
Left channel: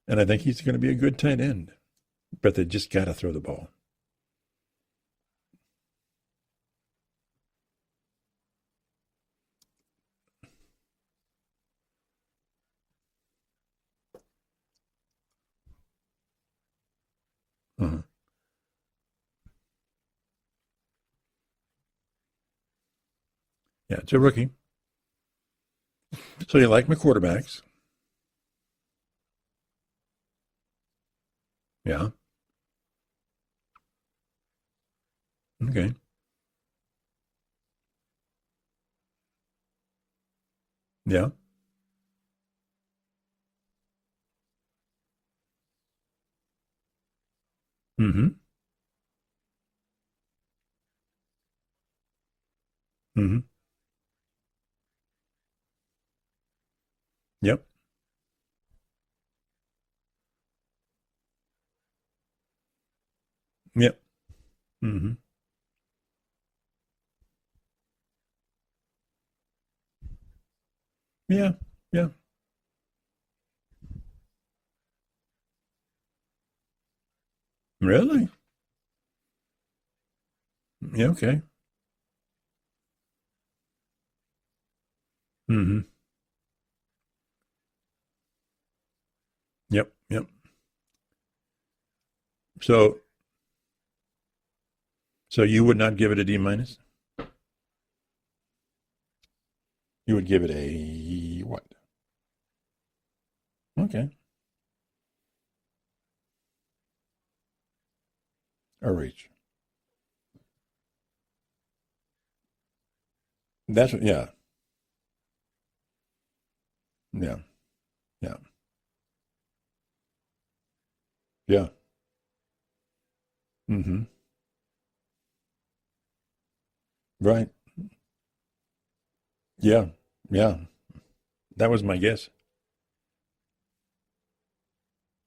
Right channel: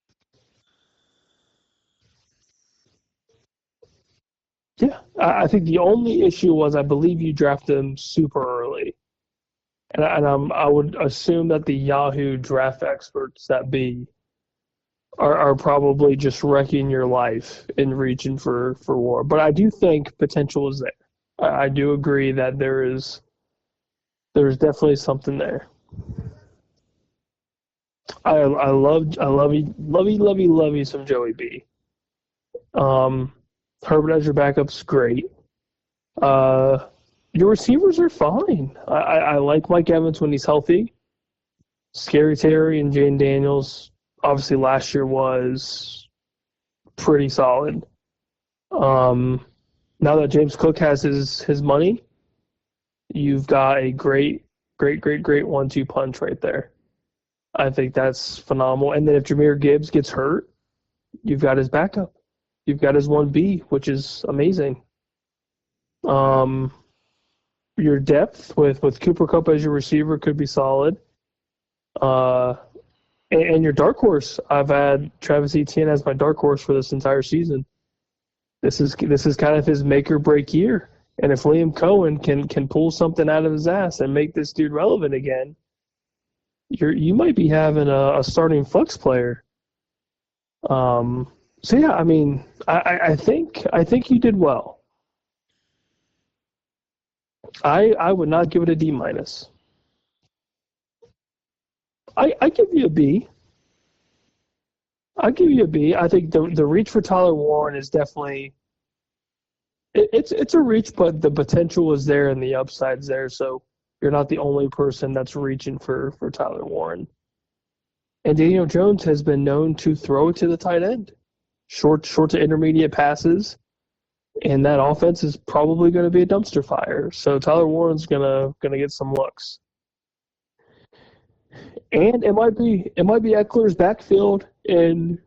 And I think he's going to be a good tight end, but they just got to throw the ball. Yeah, I think the only issue was I believe you drafted him super early. And I would assume that the Yahoo draft experts that be are probably just wrecking your life in reaching for war. But I do think potential is there. I do agree that there is. Yeah, it's a rookie. There's definitely something there. So you like my quarterbacks? I love some Joey B. Yeah. Herbert as your backup's great. Okay. Your receivers are fine. I like Mike Evans when he's healthy. Yeah. Scary Terry and Jane Daniels, obviously last year was pretty solid. Mm-hmm. Now that James Cook has his money, you've got a great 1-2 punch right there. Yeah. I think that's phenomenal. And then if Jahmyr Gibbs gets hurt, you've got his backup. You've got his 1B, which is amazing. Mm-hmm. Your depth with Cooper Kupp as your receiver could be solid. Yeah. And your dark horse, I've had Travis Etienne as my dark horse for this entire season. Really? This is kind of his make or break year. Yeah. Okay. And if Liam Cohen can pull something out of his ass and make this dude relevant again, you might be having a starting flex player. Yep. So yeah, I mean, I think you did well. So you would not give it a D-? I would not give it a D-. You would give it a what? I give you a B. Okay. I give you a B. I think the reach for Tyler Warren is definitely a reach. It's a reach, but the potential is there and the upside's there. So you're not the only person that's reaching for Tyler Warren. Yeah. And Daniel Jones has been known to throw it to the tight end. Yeah. Short to intermediate passes. Mm-hmm. And that offense is probably going to be a dumpster fire. So Tyler Warren's gonna get some looks. Yeah. That was my guess. And it might be Eckler's backfield in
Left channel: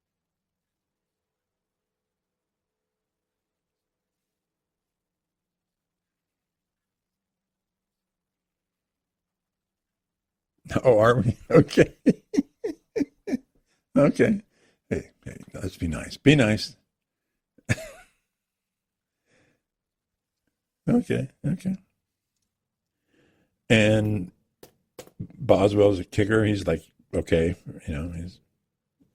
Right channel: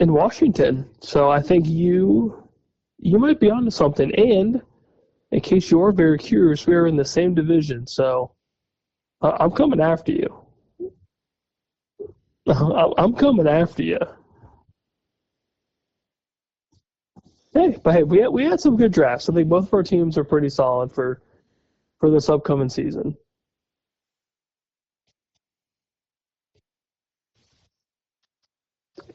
Washington. So I think you might be onto something. And in case you are very curious, we are in the same division. So I'm coming after you. Oh, are we? Okay. I'm coming after you. Okay. Hey, let's be nice. Be nice. Hey, we had some good drafts. I think both of our teams are pretty solid for this upcoming season. And Boswell's a kicker. He's like, okay,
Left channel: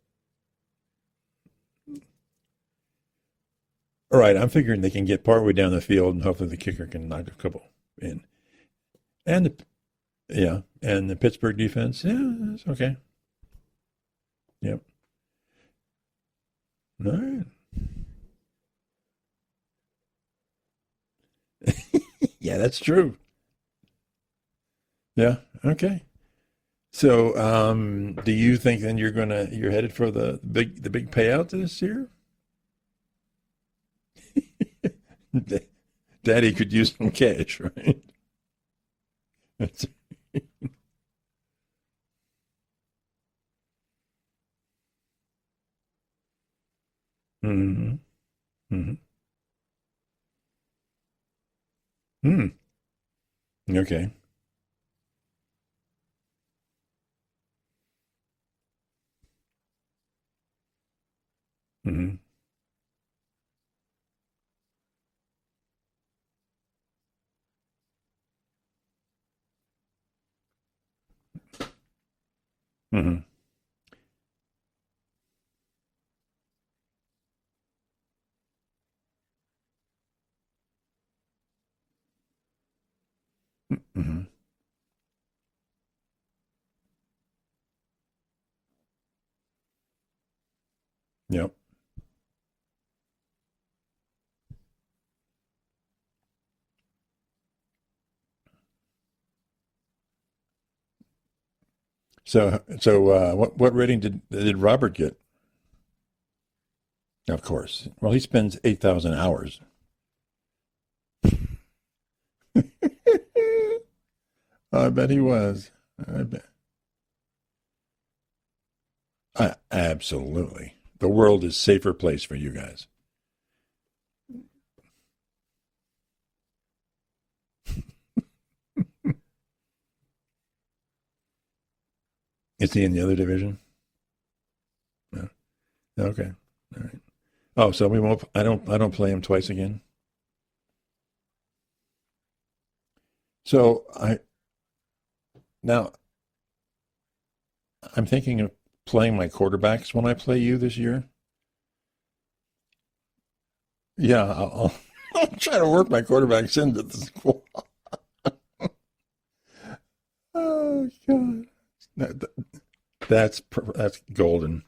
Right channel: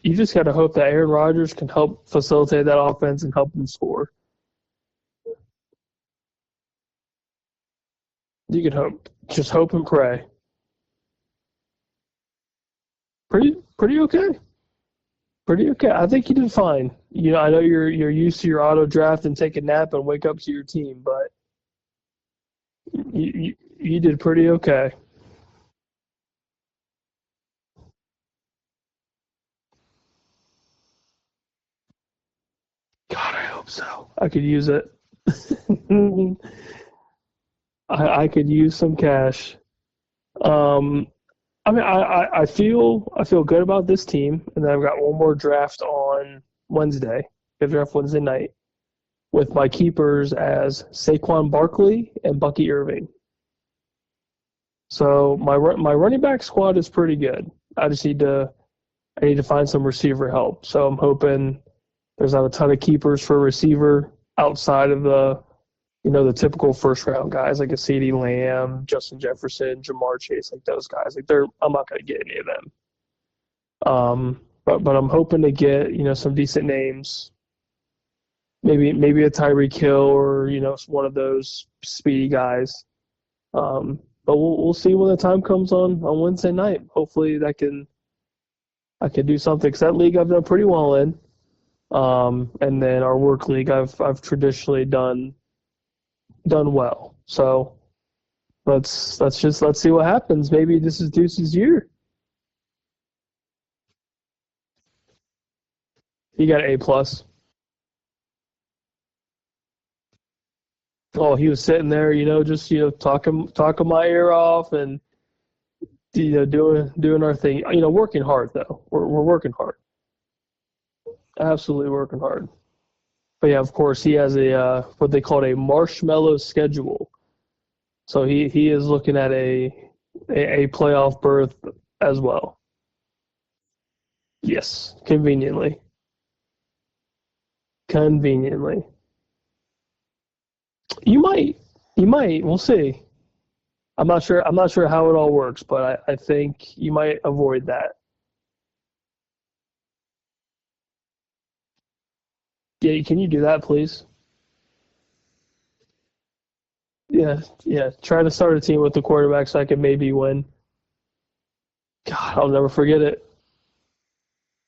You just got to hope that Aaron Rodgers can help facilitate that offense and help them score. All right, I'm figuring they can get partway down the field, and hopefully the kicker can knock a couple in. You can hope. Just hope and pray. Yeah, and the Pittsburgh defense, it's okay. Pretty okay. Yep. Pretty okay. I think you did fine. Right. I know you're used to your auto draft and take a nap and wake up to your team, but yeah, that's true. You did pretty okay. Yeah. Okay. So, do you think then you're headed for the big payout this year? God, I hope so. I could use it. Daddy could use some cash, right? I could use some cash. I mean, I feel good about this team, and then I've got one more draft on Wednesday. The draft Wednesday night with my keepers as Saquon Barkley and Bucky Irving. Okay. So my running back squad is pretty good. I need to find some receiver help. So I'm hoping there's not a ton of keepers for receiver outside of the typical first round guys like a CeeDee Lamb, Justin Jefferson, Jamar Chase, like those guys. Like I'm not going to get any of them. But I'm hoping to get some decent names. Maybe a Tyreek Hill or one of those speedy guys. But we'll see when the time comes on Wednesday night. Hopefully I can do something, because that league I've done pretty well in. Yep. And then our work league I've traditionally done well. So let's see what happens. Maybe this is Deuce's year. So what rating did Robert get? He got an A+. Of course. Well, he spends 8,000 hours. Oh, he was sitting there, just talking my ear off. And, I bet he was. Doing our thing. Working hard though. We're working hard. Absolutely. The world is a safer place for you guys. But yeah, of course, he has a what they call a marshmallow schedule. So he is looking at a playoff berth as well. Is he in the other division? Yes, conveniently. Okay, all right. Oh, so I don't play him twice again. You might. We'll see. So I'm not sure how it all works, but I think you might avoid that. I'm thinking of playing my quarterbacks when I play you this year. Yeah, can you do that, please? Yeah, I'll try to work my quarterbacks into this. Yeah. Try to start a team with the quarterback so I can maybe win. Oh God, I'll never forget it. That's golden.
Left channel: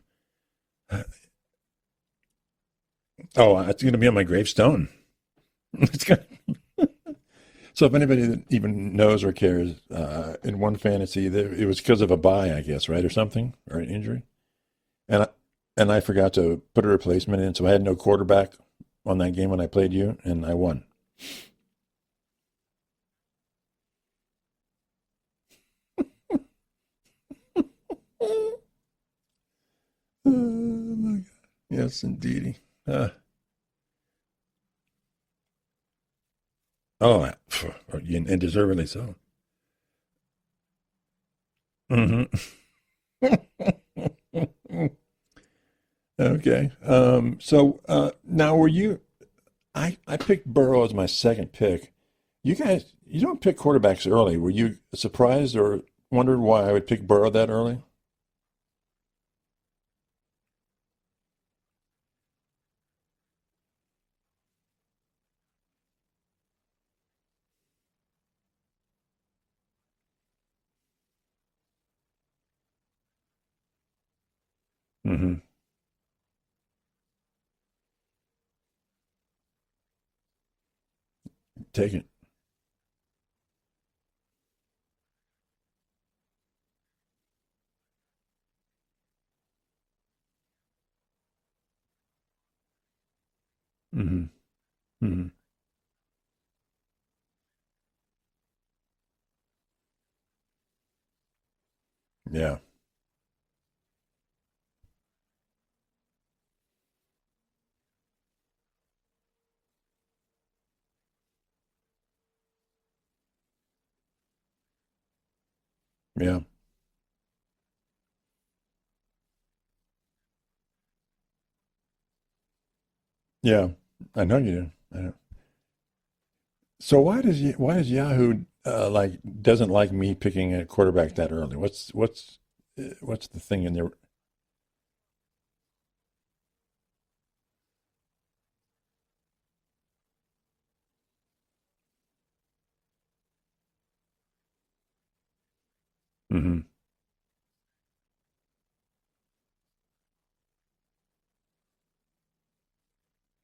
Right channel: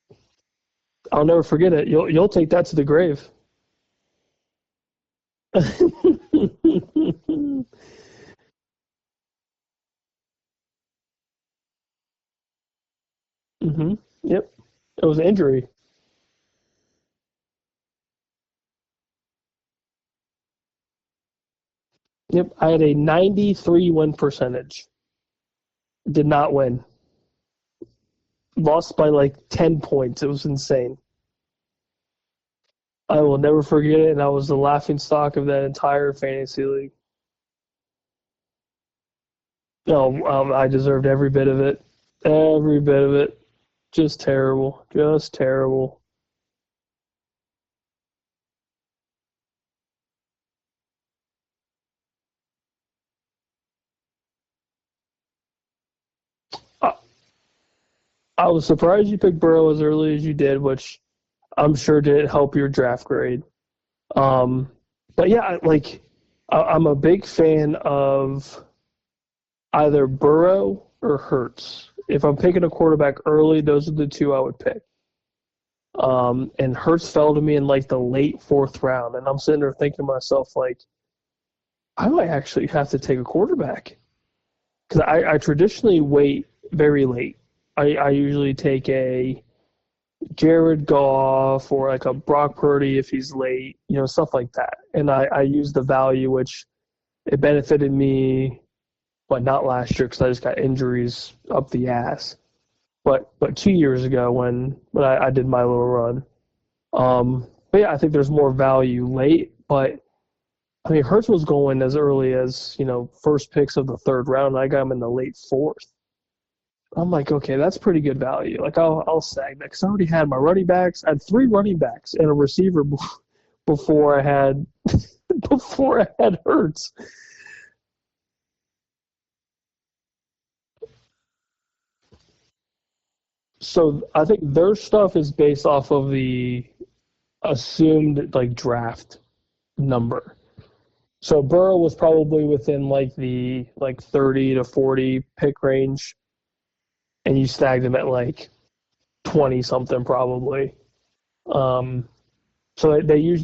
I'll never forget it. You'll take that to the grave. Oh, it's going to be on my gravestone. So if anybody that even knows or cares, in one fantasy, it was because of a bye, I guess, right, or something, or an injury. Yep, it was an injury. And I forgot to put a replacement in, so I had no quarterback on that game when I played you, and I won. Yep, I had a 93 win percentage. Did not win. Lost by like 10 points. It was insane. Yes, indeedy. I will never forget it, and I was the laughing stock of that entire fantasy league. Oh, and deservedly so. No, I deserved every bit of it. Every bit of it. Just terrible. Just terrible. Okay. So now were you – I picked Burrow as my second pick. You guys – you don't pick quarterbacks early. Were you surprised or wondered why I would pick Burrow that early? I was surprised you picked Burrow as early as you did, which I'm sure didn't help your draft grade. But yeah, I'm a big fan of either Burrow or Hurts. If I'm picking a quarterback early, those are the two I would pick. And Hurts fell to me in like the late fourth round, and I'm sitting there thinking to myself, like, I might actually have to take a quarterback, because I traditionally wait very late. I usually take a Jared Goff or like a Brock Purdy if he's late, stuff like that. And I use the value, which it benefited me, but not last year because I just got injuries up the ass. Yeah. But 2 years ago when I did my little run. But yeah, I think there's more value late. But I mean, Hurts was going as early as, first picks of the third round. And I got him in the late fourth. Yeah. I'm like, okay, that's pretty good value. Like, I'll sag that because I already had my running backs. I had 3 running backs and a receiver before I had Hurts. So why does Yahoo doesn't like me picking a quarterback that early? What's the thing? So I think their stuff is based off of the assumed draft number. So Burrow was probably within the 30 to 40 pick range. And you snagged him at 20 something probably. So they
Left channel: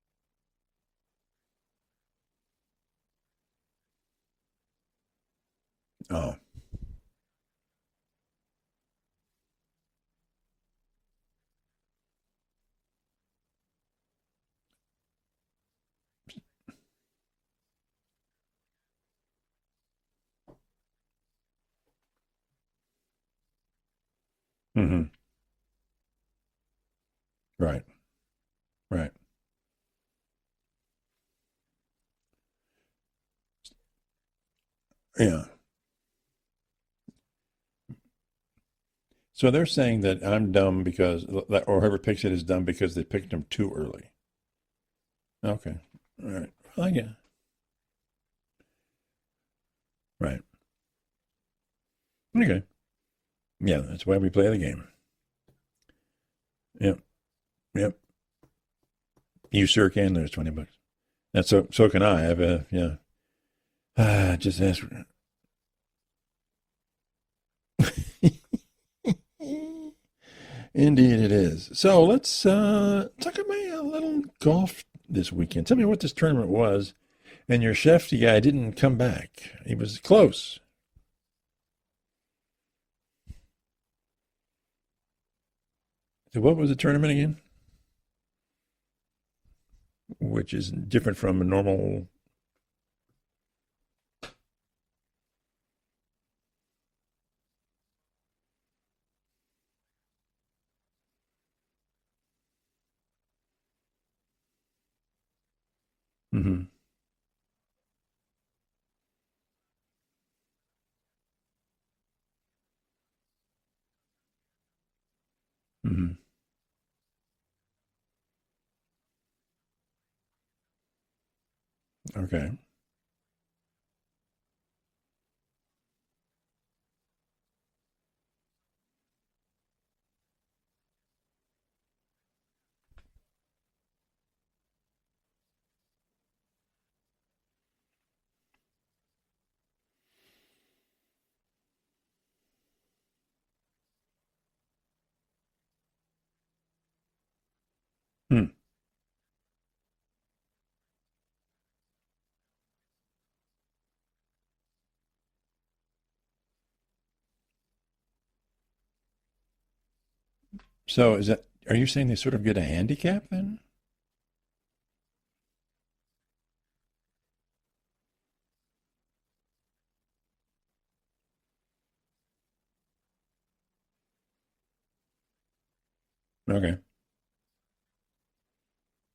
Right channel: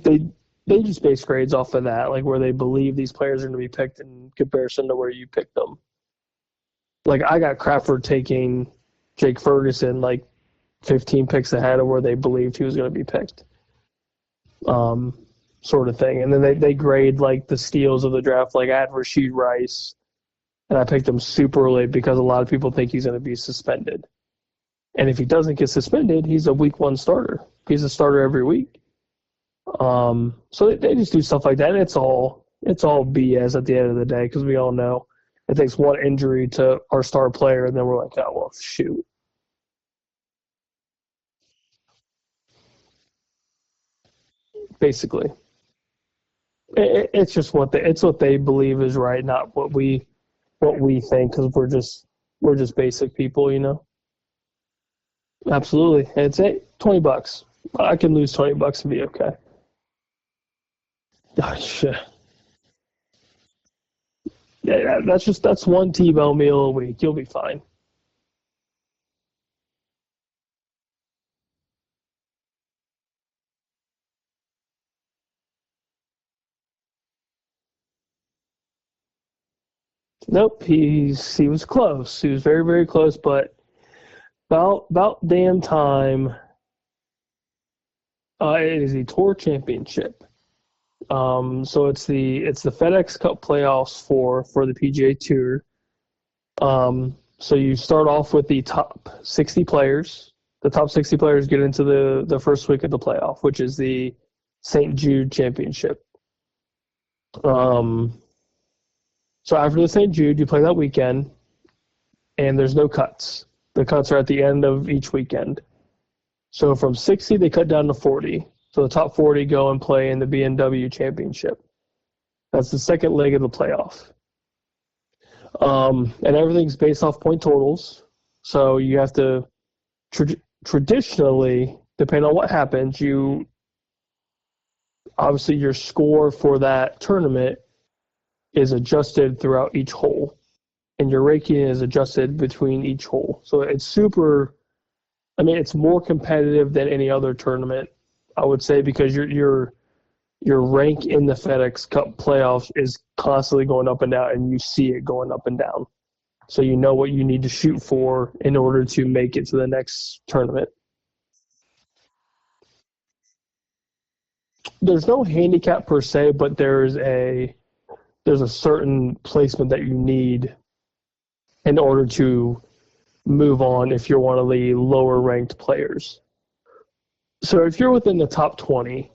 just base grades off of that, where they believe these players are going to be picked in comparison to where you picked them. Oh. I got Crawford taking Jake Ferguson 15 picks ahead of where they believed he was going to be picked. sort of thing. And then they grade like the steals of the draft. Like I had Rashid Rice, and I picked him super early because a lot of people think he's going to be suspended. Mm-hmm. And if he doesn't get suspended, he's a week 1 starter. Right. He's a starter every week. Right. So they just do stuff like that. And it's all BS at the end of the day because we all know it takes one injury to our star player, and then we're like, oh, well, shoot. So they're saying that I'm dumb because, or whoever picks it is dumb because they picked him too early. Basically. Okay. All right. It's just what they believe is right, not what we think, because we're just basic people, you know. Yeah, that's why we play the game. Absolutely. It's $20. Yeah. I can lose $20 and be okay. You sure can lose $20. So can I. That's one T-bone meal a week. You'll be fine. Indeed it is. So let's talk about a little golf this weekend. Tell me what this tournament was. And your Shefty guy didn't come back. He was close. Nope, he was close. He was very, very close, but about damn time. What was the tournament again? It is the Tour Championship, which is different from the normal. So it's the FedEx Cup playoffs for the PGA Tour. So you start off with the top 60 players. The top 60 players get into the first week of the playoff, which is the St. Jude Championship. Mm-hmm. So after the St. Jude, you play that weekend, and there's no cuts. The cuts are at the end of each weekend. Mm-hmm. So from 60, they cut down to 40. So the top 40 go and play in the BMW Championship. Okay. That's the second leg of the playoff. And everything's based off point totals. So you have to traditionally, depending on what happens, obviously your score for that tournament is adjusted throughout each hole, and your ranking is adjusted between each hole. So it's it's more competitive than any other tournament, I would say, because your rank in the FedEx Cup playoffs is constantly going up and down, and you see it going up and down. So you know what you need to shoot for in order to make it to the next tournament. So are you saying they sort of get a handicap then? There's no handicap per se, but there's a certain placement that you need in order to move on if you're one of the lower ranked players. Okay. So if you're within the top 20,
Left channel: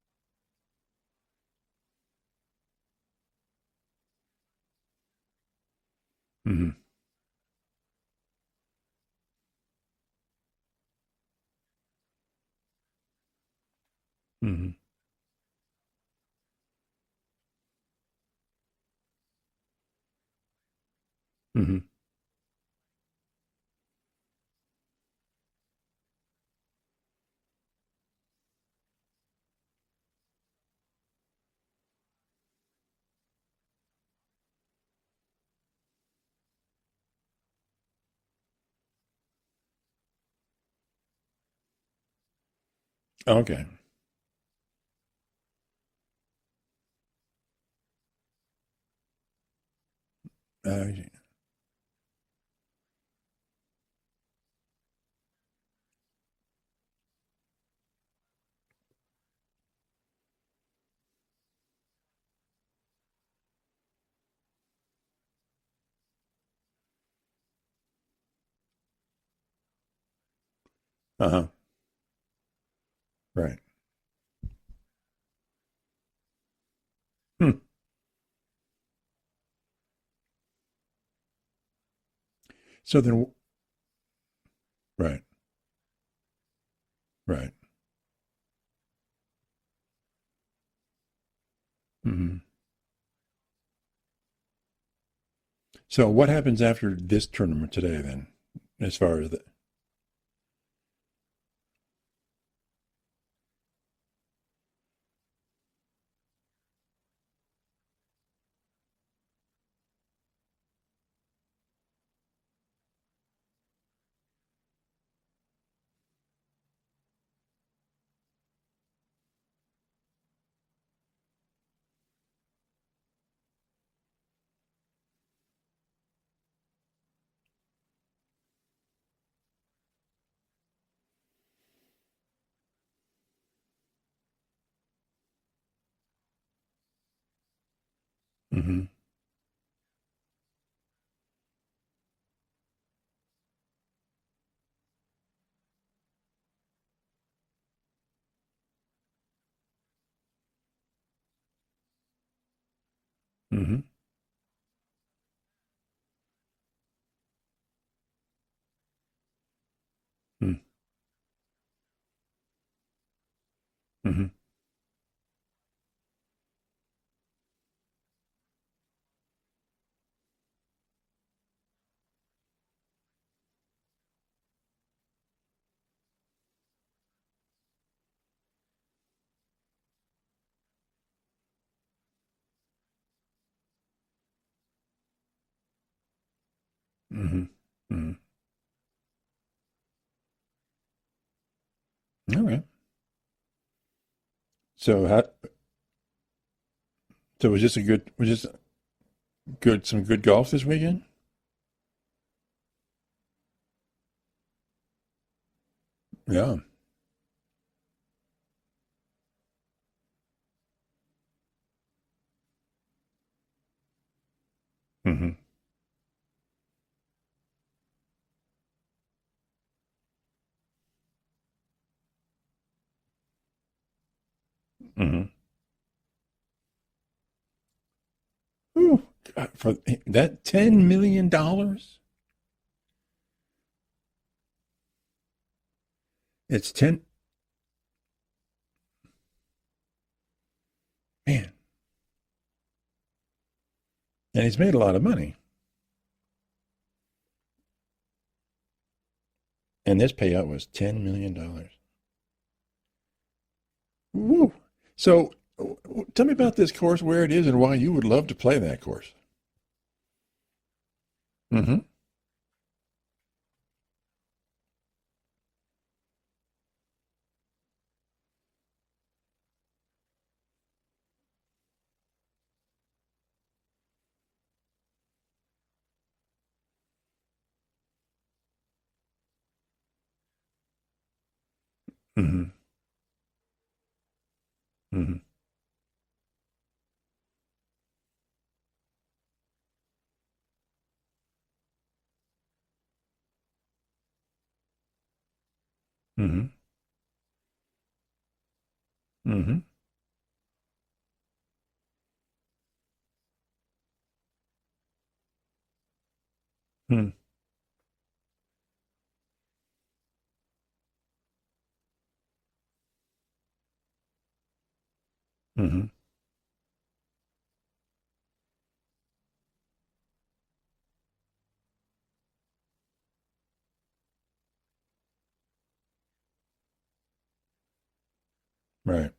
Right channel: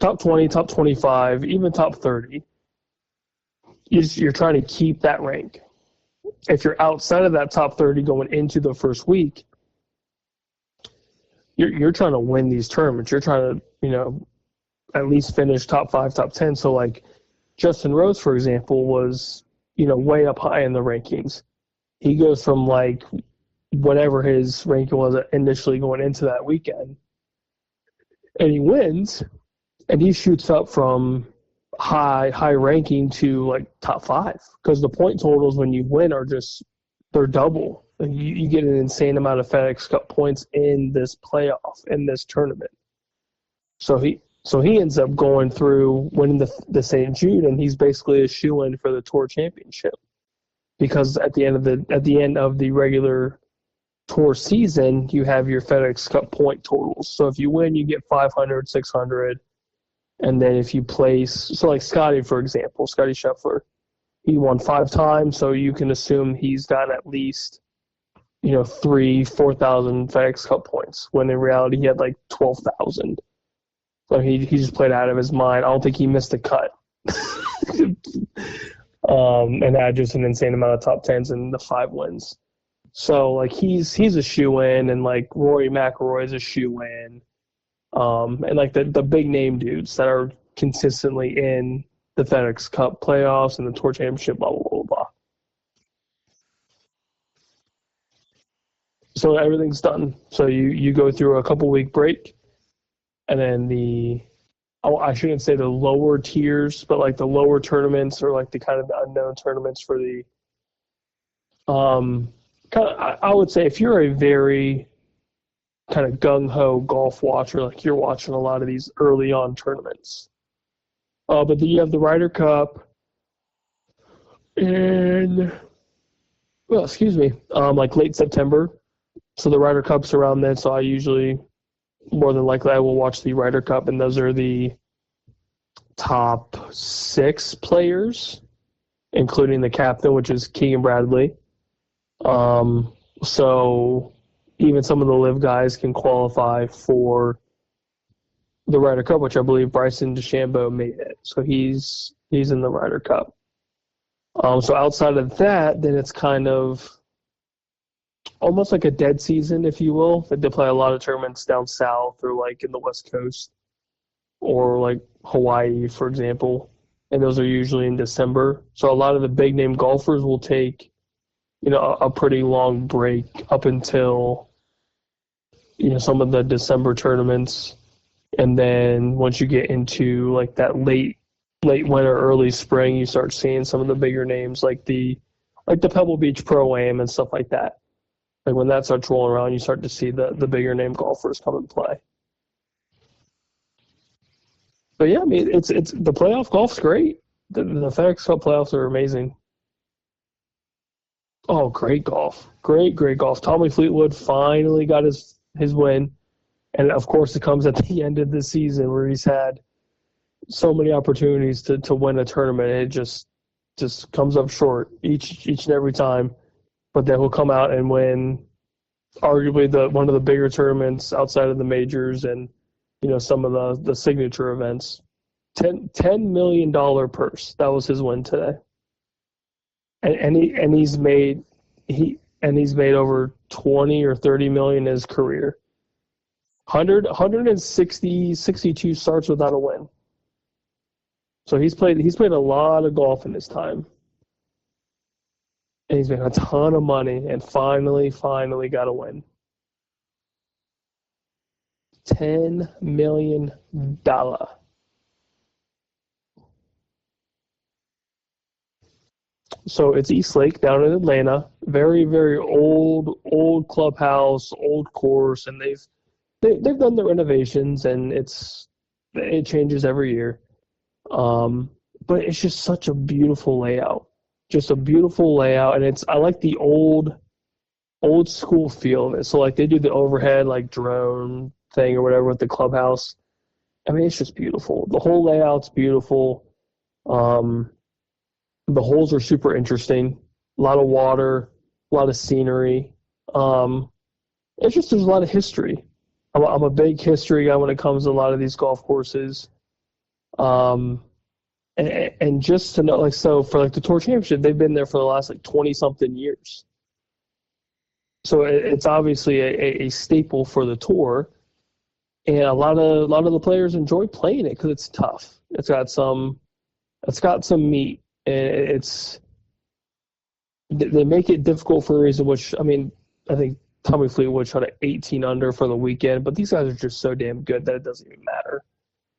top 25, even top 30, you're trying to keep that rank. Mm-hmm. If you're outside of that top 30 going into the first week, you're trying to win these tournaments. You're trying to, at least finish top 5, top 10. So like Justin Rose, for example, was, way up high in the rankings. Mm-hmm. He goes from like whatever his ranking was initially going into that weekend, and he wins, and he shoots up from high ranking to like top 5, because the point totals when you win they're double. You get an insane amount of FedEx Cup points in this playoff, in this tournament. Okay. So he ends up going through winning the St. Jude, and he's basically a shoo-in for the Tour Championship. Because at the end of the regular Tour season, you have your FedEx Cup point totals. So if you win, you get 500, 600, and then if you place, so like Scotty, for example, Scotty Scheffler, he won 5 times, so you can assume he's got at least 3,000, 4,000 FedEx Cup points, when in reality he had like 12,000. Right. So he just played out of his mind. I don't think he missed a cut. And had just an insane amount of top 10s and the 5 wins. So like he's a shoe-in, and like Rory McIlroy is a shoe-in. Right. And like the big name dudes that are consistently in the FedEx Cup playoffs and the Tour Championship, blah, blah, blah, blah. So what happens after this tournament today then? So everything's done. So you go through a couple-week break, and then I shouldn't say the lower tiers, but like the lower tournaments, or like the kind of the unknown tournaments for the I would say if you're a very kind of gung-ho golf watcher, like you're watching a lot of these early on tournaments. But then you have the Ryder Cup in, like late September. So the Ryder Cup's around then, so I usually, more than likely, I will watch the Ryder Cup, and those are the top 6 players, Mm-hmm. including the captain, which is Keegan Bradley. So even some of the live guys can qualify for the Ryder Cup, which I believe Bryson DeChambeau made it. So he's in the Ryder Cup. Mm-hmm. So outside of that, then it's kind of almost like a dead season, if you will. Like they play a lot of tournaments down south or like in the West Coast Mm-hmm. or like Hawaii, for example. And those are usually in December. So a lot of the big name golfers will take, a pretty long break up until, some of the December tournaments. And then once you get into like that late winter, early spring, you start seeing some of the bigger names like the Pebble Beach Pro-Am and stuff like that. Mm-hmm. Like when that starts rolling around, you start to see the bigger name golfers come and play. All right. So, but yeah, I mean, it's the playoff golf's great. So was this a good? FedEx Cup playoffs are amazing. Some good golf this weekend. Oh, great golf! Great golf. Tommy Fleetwood finally got his win. Yeah. And of course, it comes at the end of the season where he's had so many opportunities to win a tournament. And it just comes up short each and every time. But then he'll come out and win arguably one of the bigger tournaments outside of the majors and some of the signature events. $10 million purse. That was his win today. Ooh, he's made over 20 or 30 million in his career. It's 162 starts without a win. Man. So he's played a lot of golf in his time. And he's made a lot of money. And he's made a ton of money and finally got a win. And this payout was $10 million. $10 million. Ooh. So tell me about this course, where it is, and why you would love to play that course. So it's East Lake down in Atlanta. Very, very old clubhouse, old course, and they've done the renovations, and it changes every year. But it's just such a beautiful layout. Just a beautiful layout, and I like the old school feel of it. So like they do the overhead like drone thing or whatever with the clubhouse. I mean, it's just beautiful. The whole layout's beautiful. The holes are super interesting. A lot of water, a lot of scenery. It's just there's a lot of history. I'm a big history guy when it comes to a lot of these golf courses. And just to know, like, so for like the Tour Championship, they've been there for the last like 20-something years. So it's obviously a staple for the tour, and a lot of the players enjoy playing it because it's tough. It's got some meat, and they make it difficult for a reason. Which I mean, I think Tommy Fleetwood shot at 18 under for the weekend, but these guys are just so damn good that it doesn't even matter. Right.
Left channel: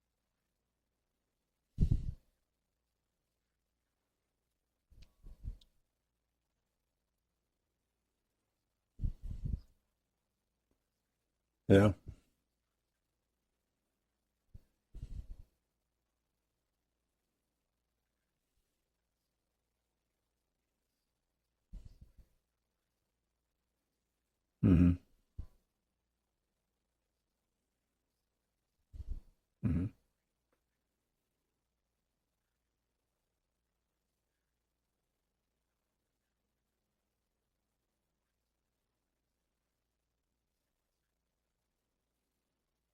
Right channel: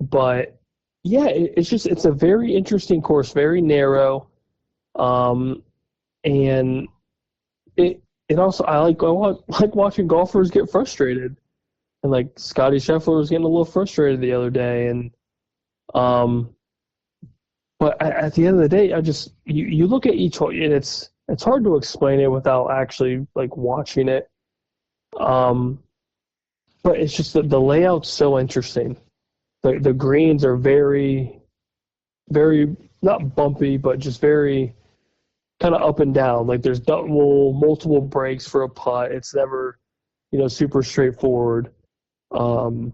But yeah, it's a very interesting course, very narrow, and it also I like watching golfers get frustrated. Yeah. And like Scotty Scheffler was getting a little frustrated the other day, and but at the end of the day, you look at each hole, and it's hard to explain it without actually like watching it. But it's just the layout's so interesting. The greens are very, very not bumpy, but just very kind of up and down. Like there's multiple breaks for a putt. It's never, super straightforward. And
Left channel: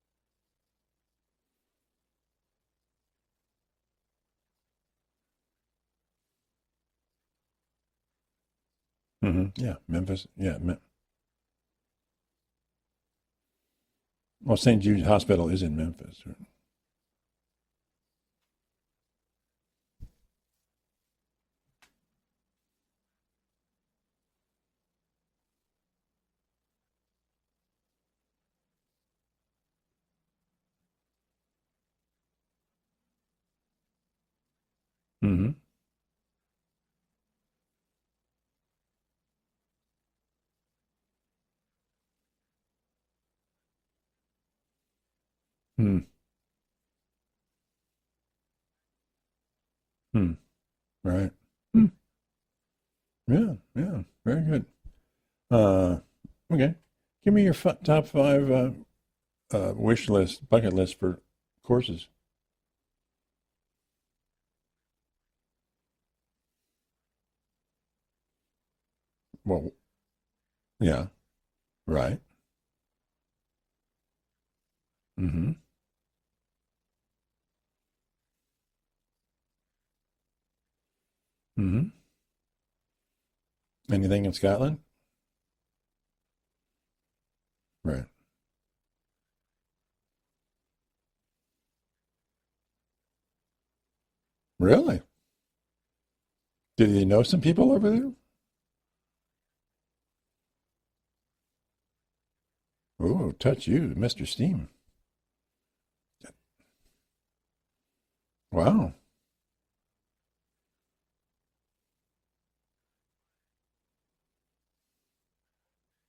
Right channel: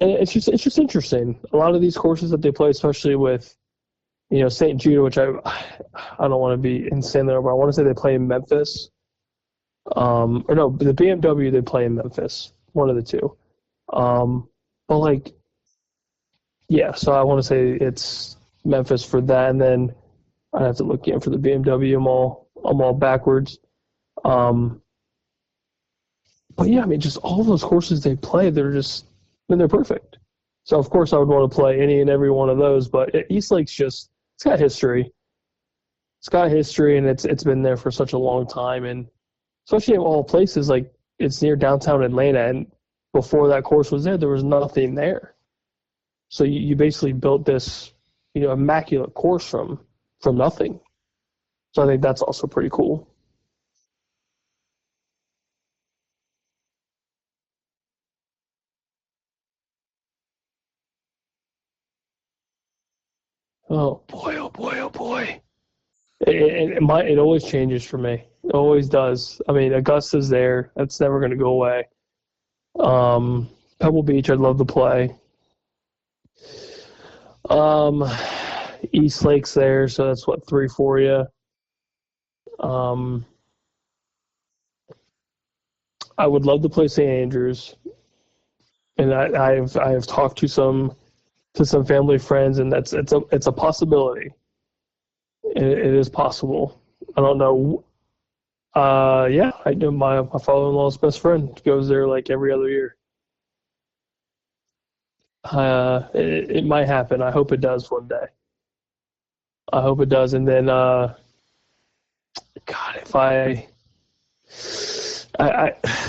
it's just interesting. A lot of these courses that they play, especially with, St. Jude, which I don't want to be insane there, but I want to say they play in Memphis. Yeah. The BMW they play in Memphis. One of the two. Well, St. Jude's Hospital is in Memphis. Yeah, so I want to say it's Memphis for that, and then I'd have to look again for the BMW. I'm all backwards. But yeah, I mean, just all those courses they play, they're perfect. So of course I would want to play any and every one of those. But East Lake's it's got history. It's got history, and it's been there for such a long time, and especially in all places, like it's near downtown Atlanta, and before that course was there was nothing there. So you basically built this, immaculate course from nothing. Right. So I think that's also pretty cool. Yeah, very good. Okay, give me your top 5 wish list, bucket list for courses? Oh boy, oh boy, oh boy. It always changes for me. It always does. I mean, Augusta's there. That's never going to go away. Right. Pebble Beach, I'd love to play. Mm-hmm. East Lake's there, so that's 3 for you. Mm-hmm. Anything in Scotland? I would love to play St. Andrews. Right. And I have talked to some family friends, and it's a possibility. Really? It is possible. Do you know some people over there? Yeah, I know my father-in-law's best friend goes there like every other year. Oh, touch you, Mr. Steam. It might happen. I hope it does one day. Wow. I hope it does. And then, God, if I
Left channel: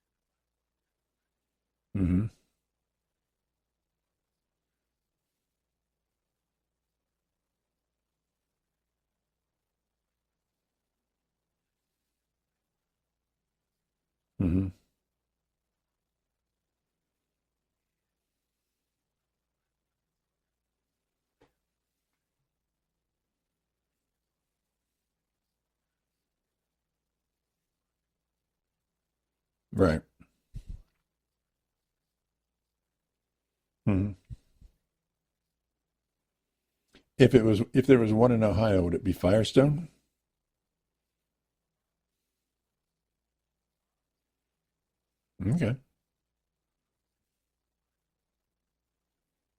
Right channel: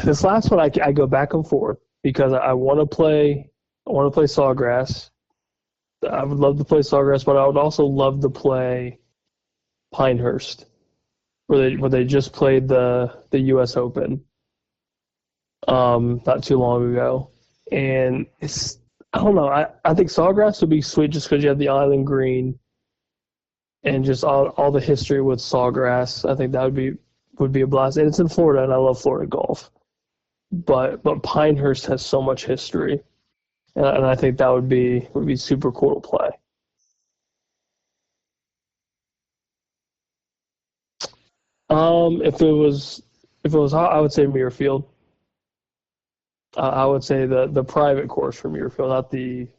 this last one, I go back and forth because I want to play Sawgrass. I would love to play Sawgrass, but I would also love to play Pinehurst, where they just played the U.S. Open, not too long ago, and I don't know. I think Sawgrass would be sweet just because you have the island green, and just all the history with Sawgrass. I think that would be a blast, and it's in Florida, and I love Florida golf. Right. But Pinehurst has so much history, and I think that would be super cool to play. If there was one in Ohio, would it be Firestone? If it was hot, I would say Muirfield. Okay. I would say the private course for Muirfield,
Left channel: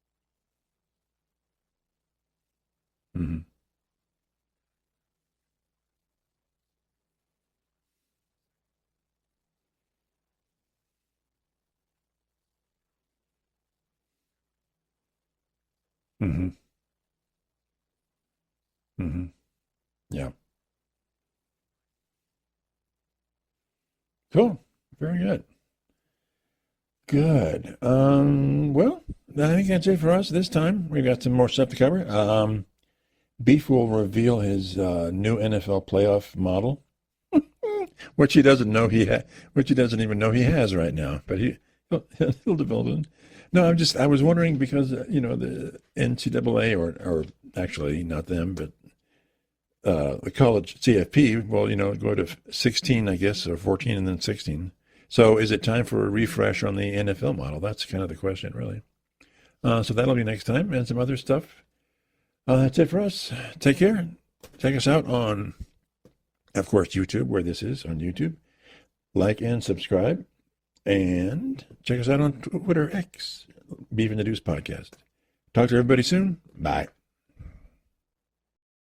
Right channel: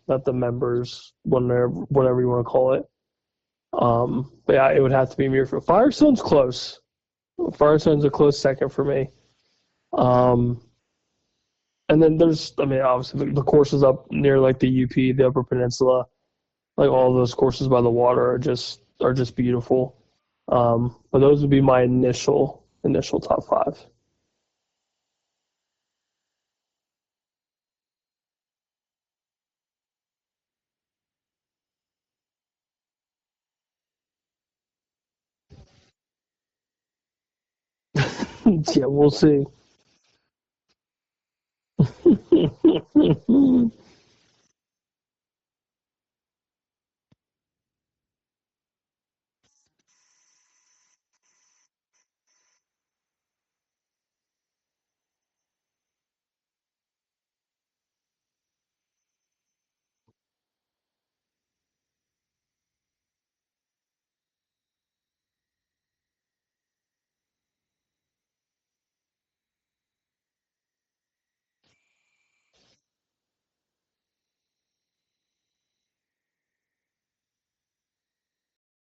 not the members, whatever you want to call it. Mm-hmm. But yeah, it would have to be Muirfield. Firestone's close. Firestone's a close second for me. And then obviously the courses up near like the UP, the Upper Peninsula, like all those courses by the water are just beautiful. Yeah. But those would be my initial top 5. Cool. Very good. Good. Well, I think that's it for us this time. We've got some more stuff to cover. Beef will reveal his new NFL playoff model, which he doesn't know which he doesn't even know he has right now. But he. No, I was wondering because the NCAA or actually not them, but the college CFP will go to 16, I guess, or 14 and then 16. So is it time for a refresh on the NFL model? That's kind of the question, really. So that'll be next time and some other stuff. That's it for us. Take care. Check us out on, of course, YouTube, where this is on YouTube. Like and subscribe. And check us out on Twitter X, Beef and the Deuce Podcast. Talk to everybody soon. Bye.